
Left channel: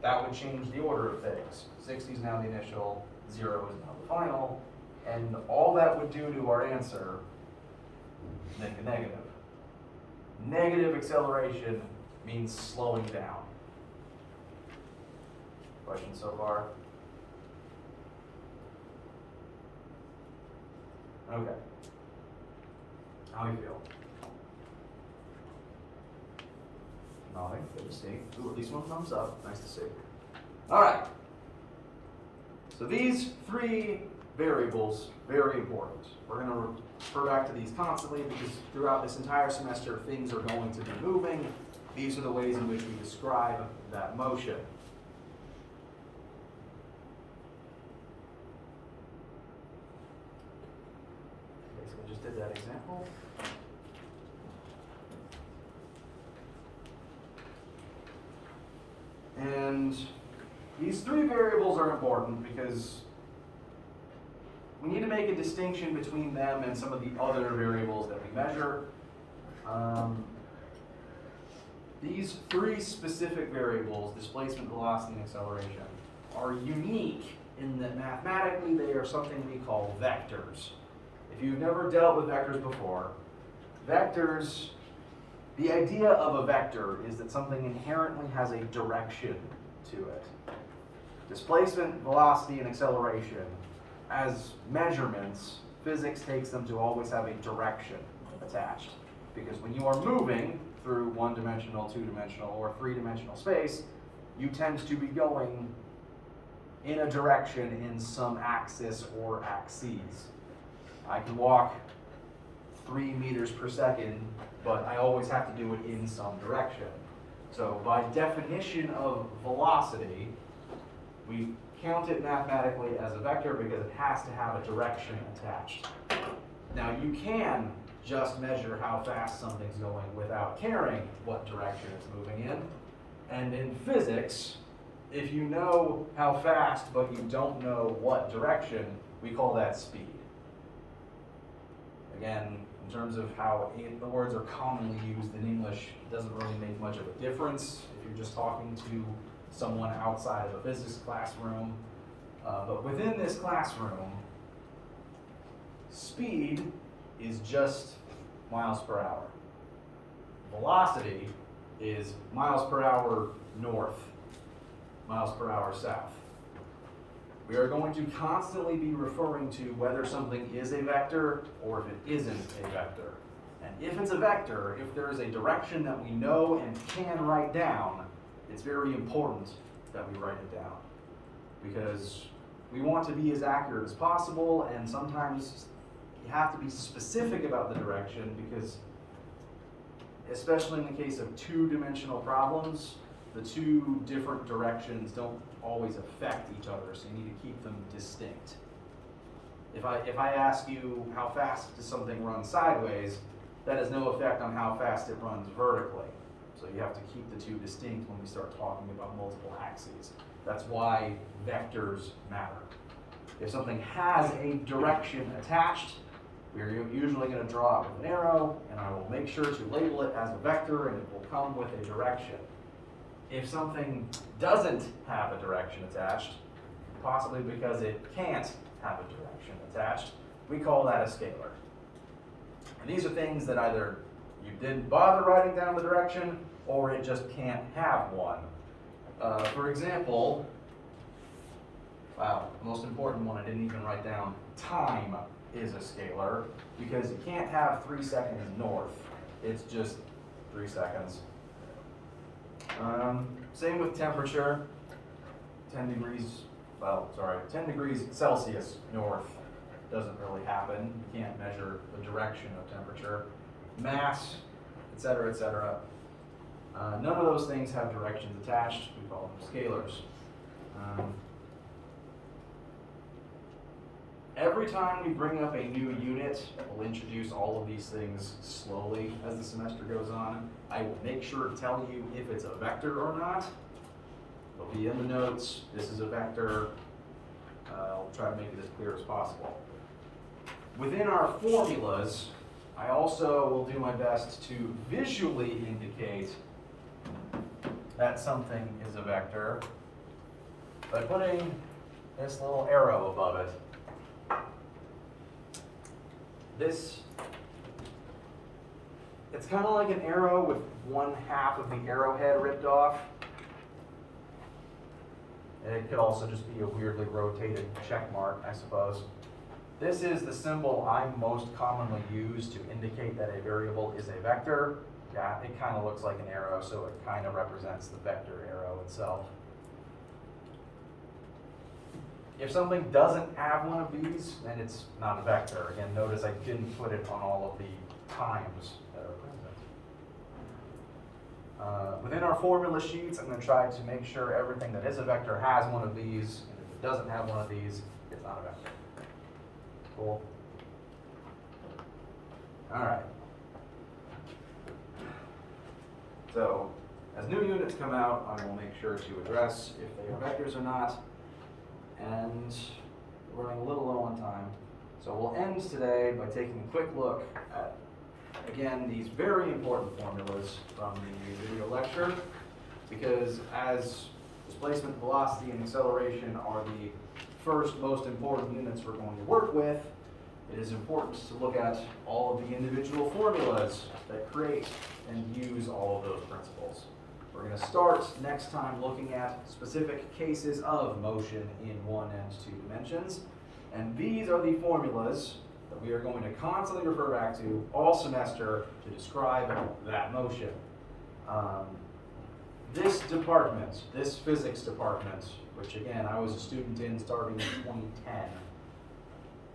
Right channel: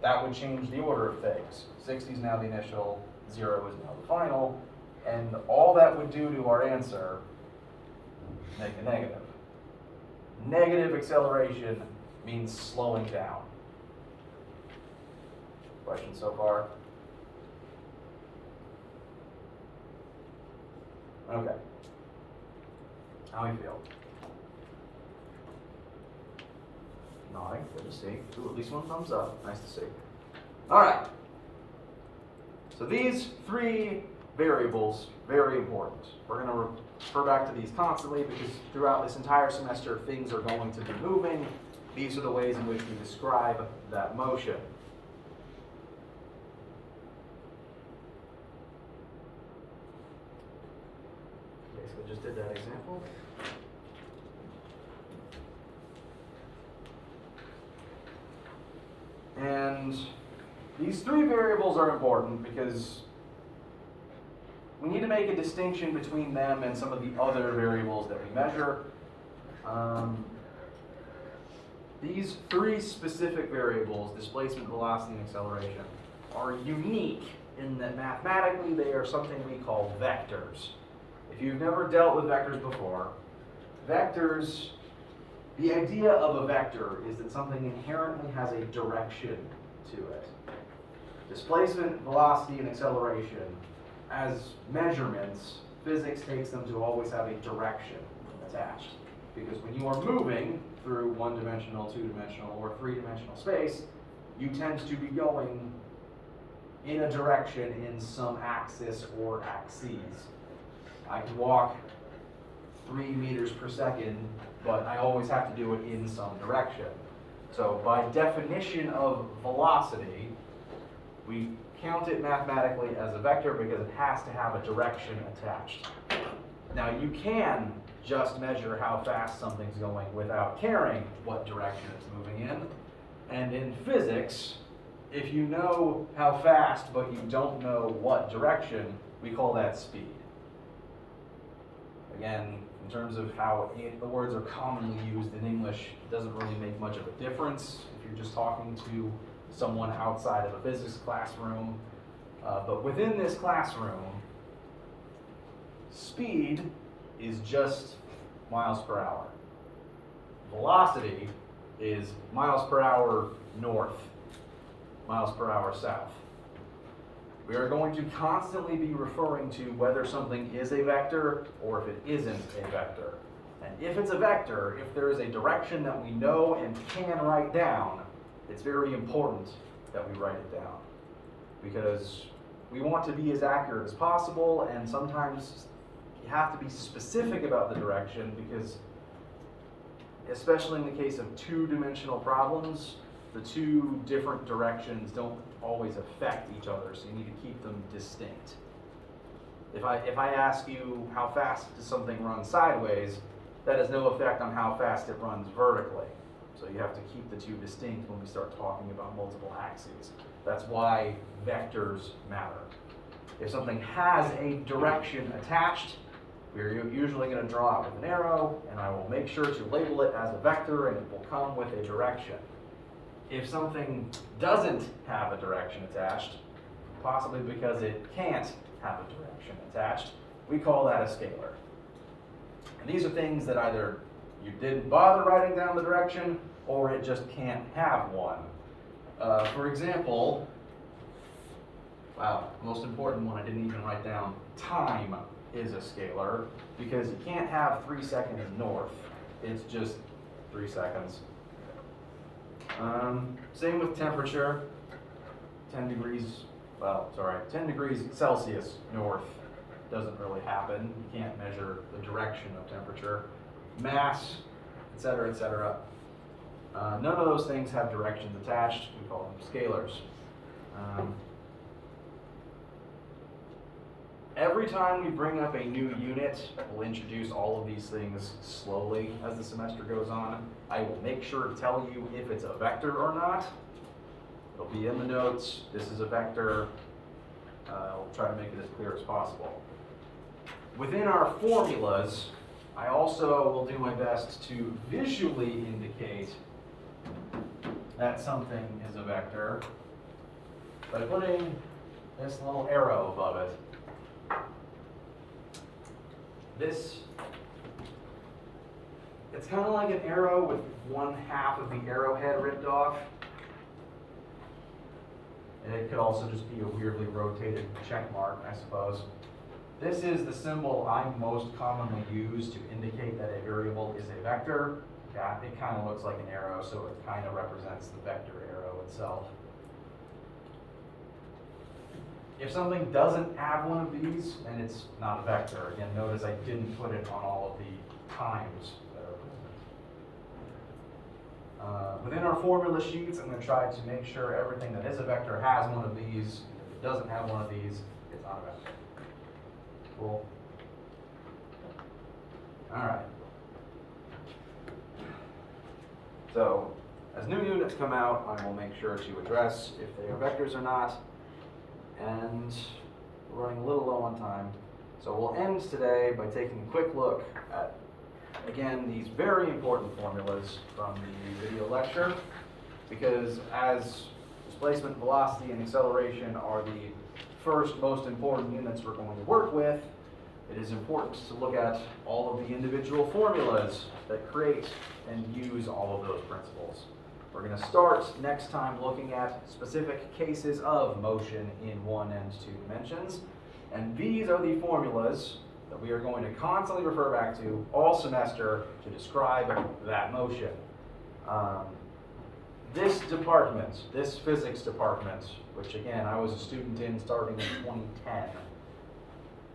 that would change the order of things. 60 is now the initial, 0 is now the final, and all that would do to our answer is make a negative. Negative acceleration means slowing down. Questions so far? Okay. How do you feel? Nodding, good to see. Ooh, at least one thumbs up, nice to see. All right. So these 3 variables, very important. We're going to refer back to these constantly because throughout this entire semester, things are going to be moving. These are the ways in which we describe that motion. Basically just did that example. And these 3 variables are important because we need to make a distinction between them and some of the other variables that we measure. These 3 specific variables, displacement, velocity, and acceleration, are unique in that mathematically they are something we call vectors. If you've never dealt with vectors before, vectors, the idea of a vector is that something inherently has a direction to it. Displacement, velocity, and acceleration, as measurements, physics takes them to always have a direction attached. Because when you are moving through 1-dimensional, 2-dimensional, or 3-dimensional space, you tend to be going in a direction in some axis or axes. I can walk 3 meters per second, but I always have to do it in some direction. So by definition of velocity, we count it mathematically as a vector because it has to have a direction attached. Now you can just measure how fast something's going without caring what direction it's moving in. And in physics, if you know how fast but you don't know what direction, we call that speed. Again, in terms of how the words are commonly used in English, it doesn't really make much of a difference if you're just talking to someone outside of a physics classroom. But within this classroom, speed is just miles per hour. Velocity is miles per hour north, miles per hour south. We are going to constantly be referring to whether something is a vector or if it isn't a vector. And if it's a vector, if there's a direction that we know and can write down, it's very important that we write it down. Because we want to be as accurate as possible, and sometimes you have to be specific about the direction because, especially in the case of 2-dimensional problems, the 2 different directions don't always affect each other, so you need to keep them distinct. If I ask you how fast does something run sideways, that has no effect on how fast it runs vertically. So you have to keep the 2 distinct when we start talking about multiple axes. That's why vectors matter. If something has a direction attached, we're usually going to draw it with an arrow, and I will make sure to label it as a vector, and it will come with a direction. If something doesn't have a direction attached, possibly because it can't have a direction attached, we call that a scalar. And these are things that either you didn't bother writing down the direction, or it just can't have one. For example, wow, the most important one I didn't even write down, time is a scalar, because you can't have 3 seconds north. It's just 3 seconds. Same with temperature, 10 degrees Celsius north doesn't really happen. You can't measure the direction of temperature. Mass, etc., etc. None of those things have directions attached. We call them scalars. Every time we bring up a new unit, we'll introduce all of these things slowly as the semester goes on. I will make sure to tell you if it's a vector or not. It'll be in the notes. This is a vector. I'll try to make it as clear as possible. Within our formulas, I also will do my best to visually indicate that something is a vector by putting this little arrow above it. It's kind of like an arrow with 1/2 of the arrowhead ripped off. And it could also just be a weirdly rotated check mark, I suppose. This is the symbol I most commonly use to indicate that a variable is a vector. Yeah, it kind of looks like an arrow, so it kind of represents the vector arrow itself. If something doesn't have one of these, then it's not a vector. Again, notice I didn't put it on all of the times that are with it. Within our formula sheets, I'm going to try to make sure everything that is a vector has one of these. And if it doesn't have one of these, it's not a vector. Cool. All right. So, as new units come out, I will make sure to address if they are vectors or not. And we're running a little low on time. So we'll end today by taking a quick look at, again, these very important formulas from the video lecture, because as displacement, velocity, and acceleration are the first most important units we're going to work with, it is important to look at all of the individual formulas that create and use all of those principles. We're going to start next time looking at specific cases of motion in 1 and 2 dimensions. And these are the formulas that we are going to constantly refer back to all semester to describe that motion. This department, this physics department, which again I was a student in starting in 2010,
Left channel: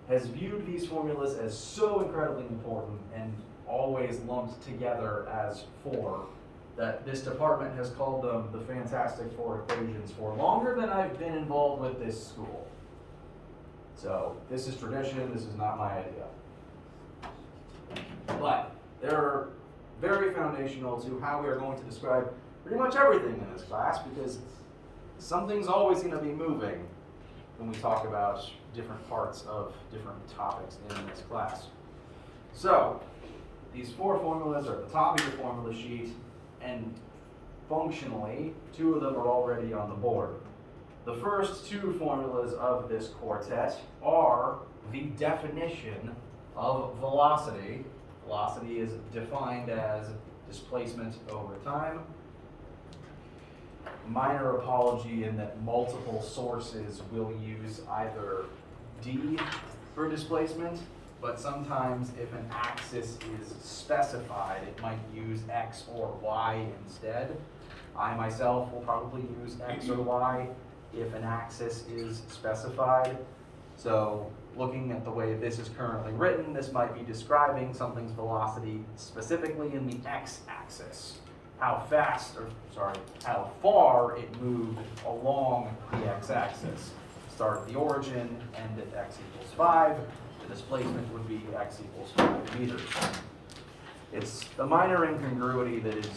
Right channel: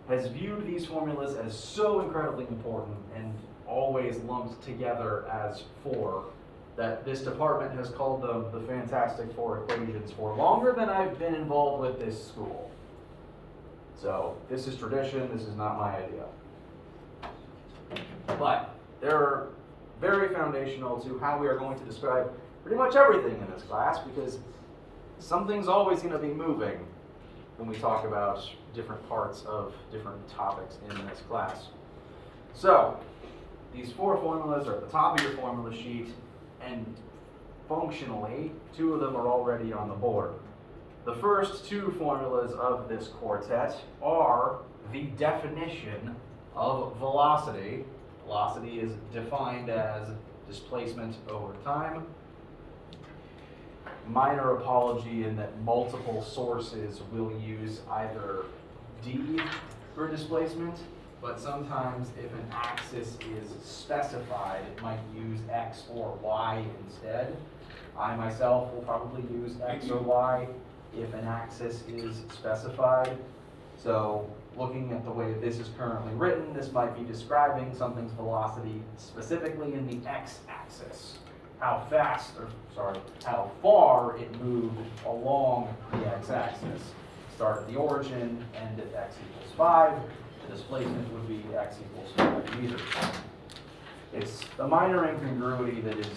has viewed these formulas as so incredibly important and always lumped together as 4 that this department has called them the Fantastic Four equations for longer than I've been involved with this school. So this is tradition, this is not my idea. But they're very foundational to how we are going to describe pretty much everything in this class, because something's always going to be moving when we talk about different parts of different topics in this class. So these 4 formulas are at the top of your formula sheet. And functionally, 2 of them are already on the board. The first 2 formulas of this quartet are the definition of velocity. Velocity is defined as displacement over time. Minor apology in that multiple sources will use either d for displacement, but sometimes if an axis is specified, it might use x or y instead. I myself will probably use x or y if an axis is specified. So looking at the way this is currently written, this might be describing something's velocity specifically in the x-axis. How far it moved along the x-axis. Start at the origin, end at x equals 5. The displacement would be x equals 5 meters. It's a minor incongruity that is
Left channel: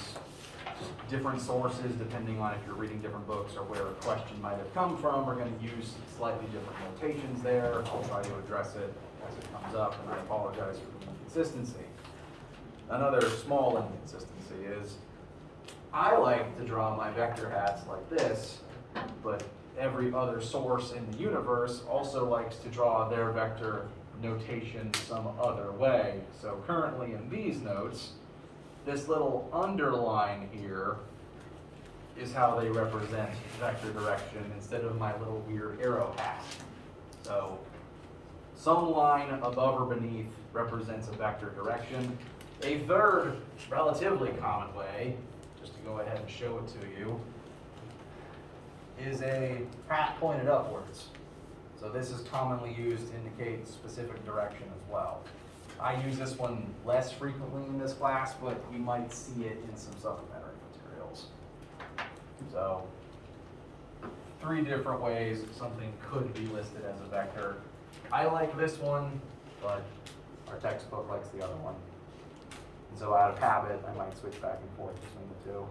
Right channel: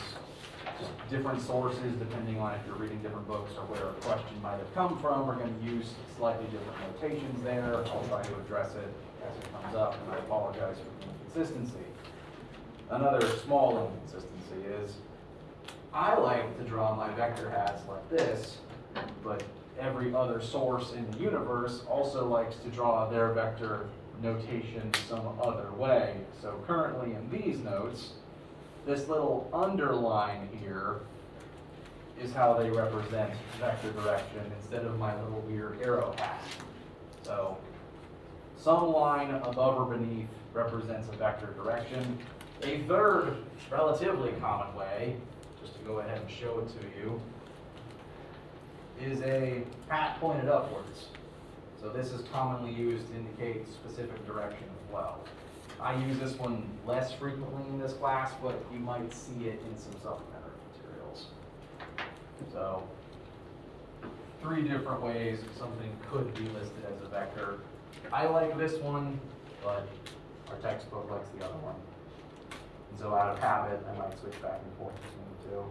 different sources, depending on if you're reading different books or where a question might have come from, are going to use slightly different notations there. I'll try to address it as it comes up, and I apologize for the inconsistency. Another small inconsistency is I like to draw my vector hats like this, but every other source in the universe also likes to draw their vector notation some other way. So currently in these notes, this little underline here is how they represent vector direction instead of my little weird arrow hat. So some line above or beneath represents a vector direction. A third relatively common way, just to go ahead and show it to you, is a hat pointed upwards. So this is commonly used to indicate specific direction as well. I use this one less frequently in this class, but you might see it in some supplementary materials. So 3 different ways something could be listed as a vector. I like this one, but our textbook likes the other one. And so out of habit, I might switch back and forth between the two.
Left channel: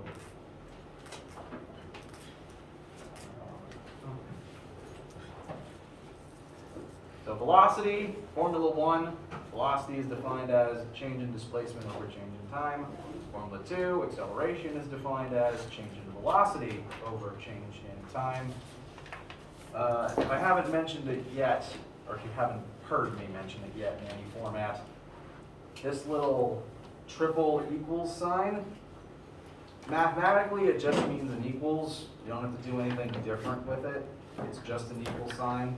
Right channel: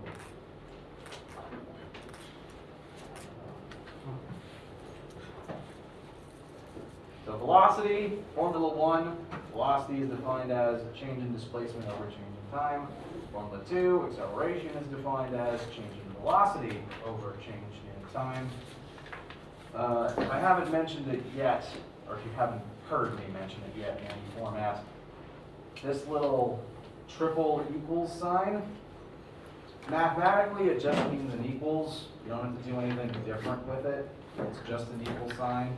So velocity, Formula 1, velocity is defined as change in displacement over change in time. Formula 2, acceleration is defined as change in velocity over change in time. If I haven't mentioned it yet, or if you haven't heard me mention it yet in any format, this little triple equals sign, mathematically it just means an equals. You don't have to do anything different with it. It's just an equal sign.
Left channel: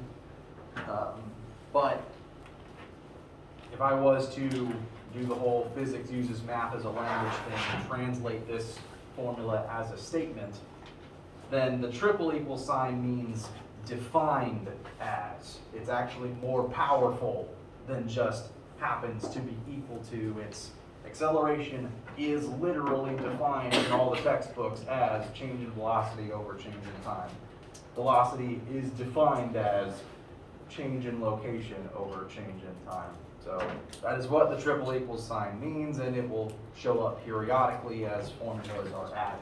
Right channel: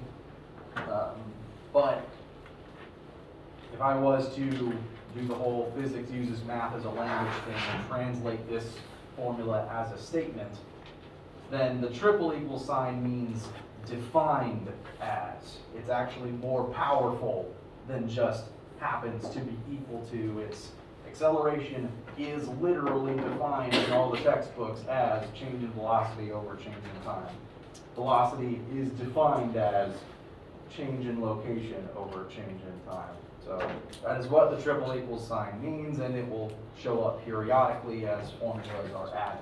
But if I was to do the whole physics uses math as a language thing and translate this formula as a statement, then the triple equal sign means defined as. It's actually more powerful than just happens to be equal to. Its acceleration is literally defined in all the textbooks as change in velocity over change in time. Velocity is defined as change in location over change in time. So that is what the triple equals sign means, and it will show up periodically as formulas are added.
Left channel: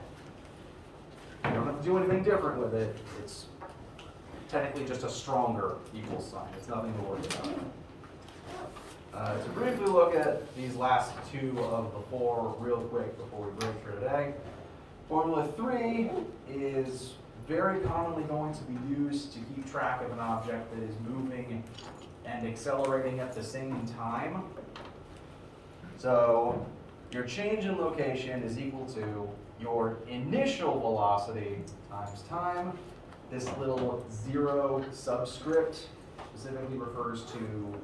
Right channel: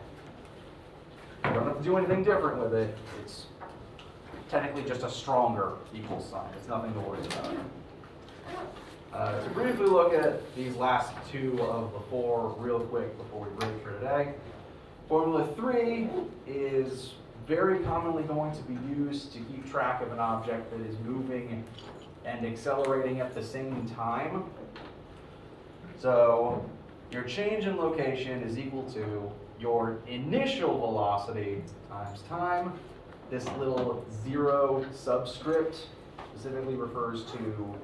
You don't have to do anything different with it. It's technically just a stronger equal sign. It's nothing to worry about. To briefly look at these last 2 of the 4 real quick before we break for today. Formula 3 is very commonly going to be used to keep track of an object that is moving and accelerating at the same time. So your change in location is equal to your initial velocity times time. This little 0 subscript specifically refers to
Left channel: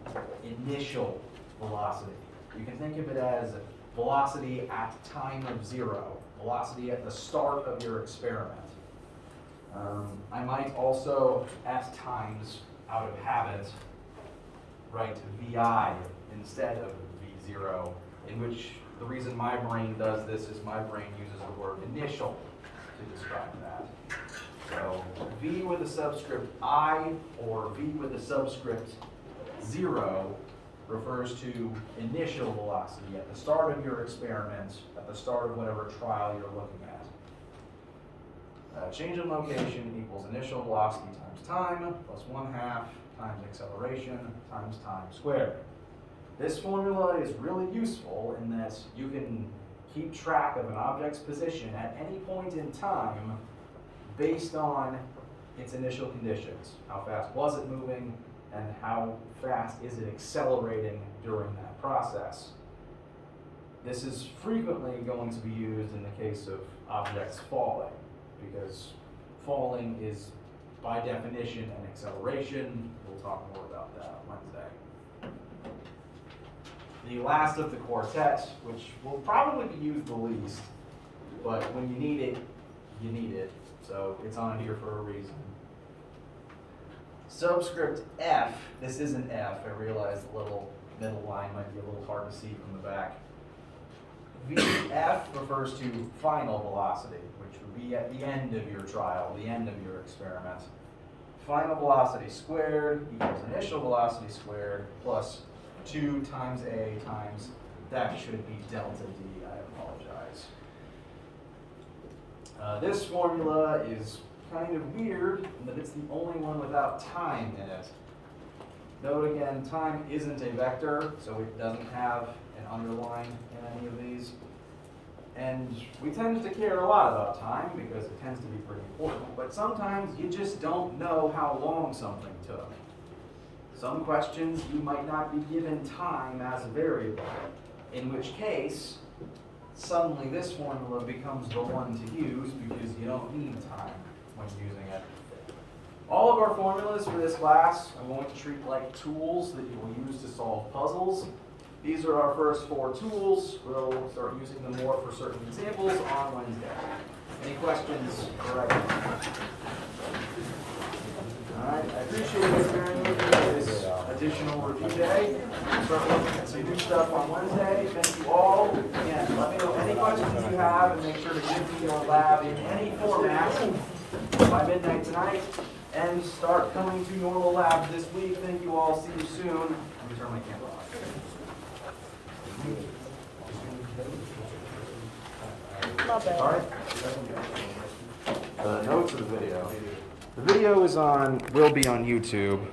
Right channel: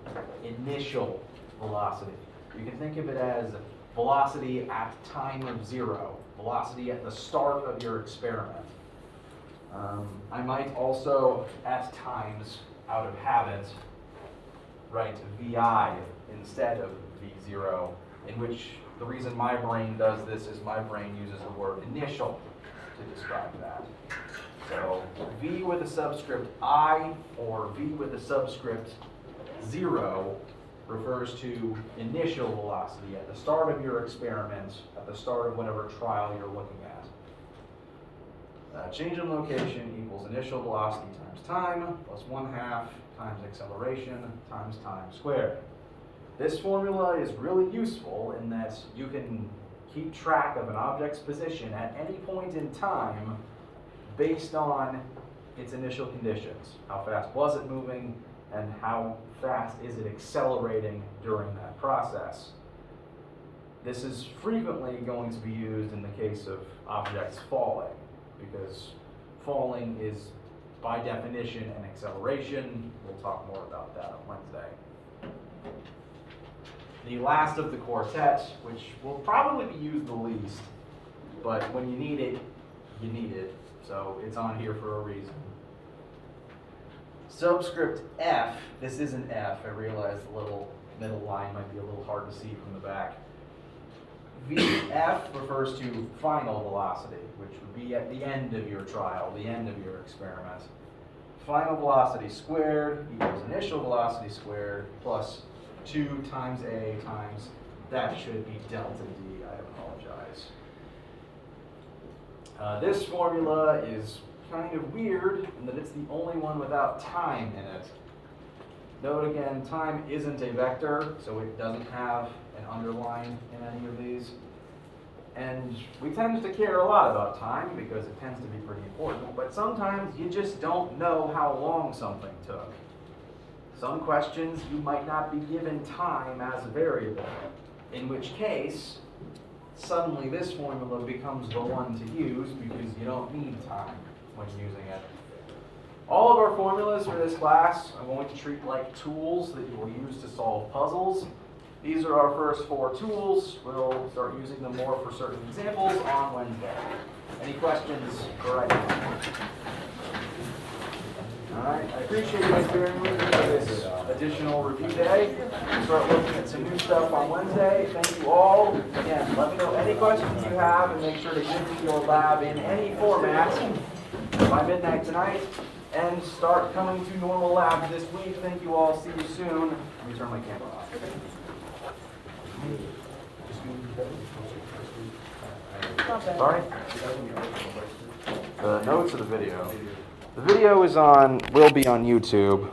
initial velocity. You can think of it as velocity at time of 0, velocity at the start of your experiment. I might also, at times, out of habit, write VI instead of V0, in which the reason my brain does this is my brain uses the word initial to describe that. So V with a subscript I or V with a subscript 0 refers to initial velocity at the start of your experiment, at the start of whatever trial you're looking at. Change in location equals initial velocity times time plus 1/2 times acceleration times time squared. This formula is really useful in that you can keep track of an object's position at any point in time based on its initial conditions. How fast was it moving, and how fast is it accelerating during that process? This is frequently going to be used in the case of objects falling, because falling is by definition an acceleration. We'll talk more about that on Wednesday. The last of the quartet, which will probably be used the least, but when you need it, you need it. So it's on here for a reason. Subscript F, this is an F. I realize the little middle line might be a little hard to see from the back. VF refers to final velocity, which would be at the end of your trial, the end of your experiment. Final velocity squared equals initial velocity squared plus 2 times A times, that should be delta D, I apologize. This formula is kind of weird in that it's the only one without time in it. Note again, time isn't a vector, so it doesn't have an underline in any of these. And we tend to care a lot about time because it tends to be pretty important, but sometimes you just don't know how long something took. Some questions you might not be given time as a variable, in which case, suddenly this formula becomes the one to use because you don't need time when using it. All of our formulas for this class I'm going to treat like tools that you will use to solve puzzles. These are our first 4 tools. We'll start using them more for certain examples on Wednesday. Any questions for right now? All right, I appreciate you guys bearing with me for this additional review day. We'll start looking at some new stuff on Wednesday. Thank you all. Again, let me know any questions you have and make sure to get to your lab in any format by midnight tonight. And start coming to normal labs this week. Thank you all. See you soon. Let me turn my camera off. Sorry? The notes of the video. The video will be on YouTube.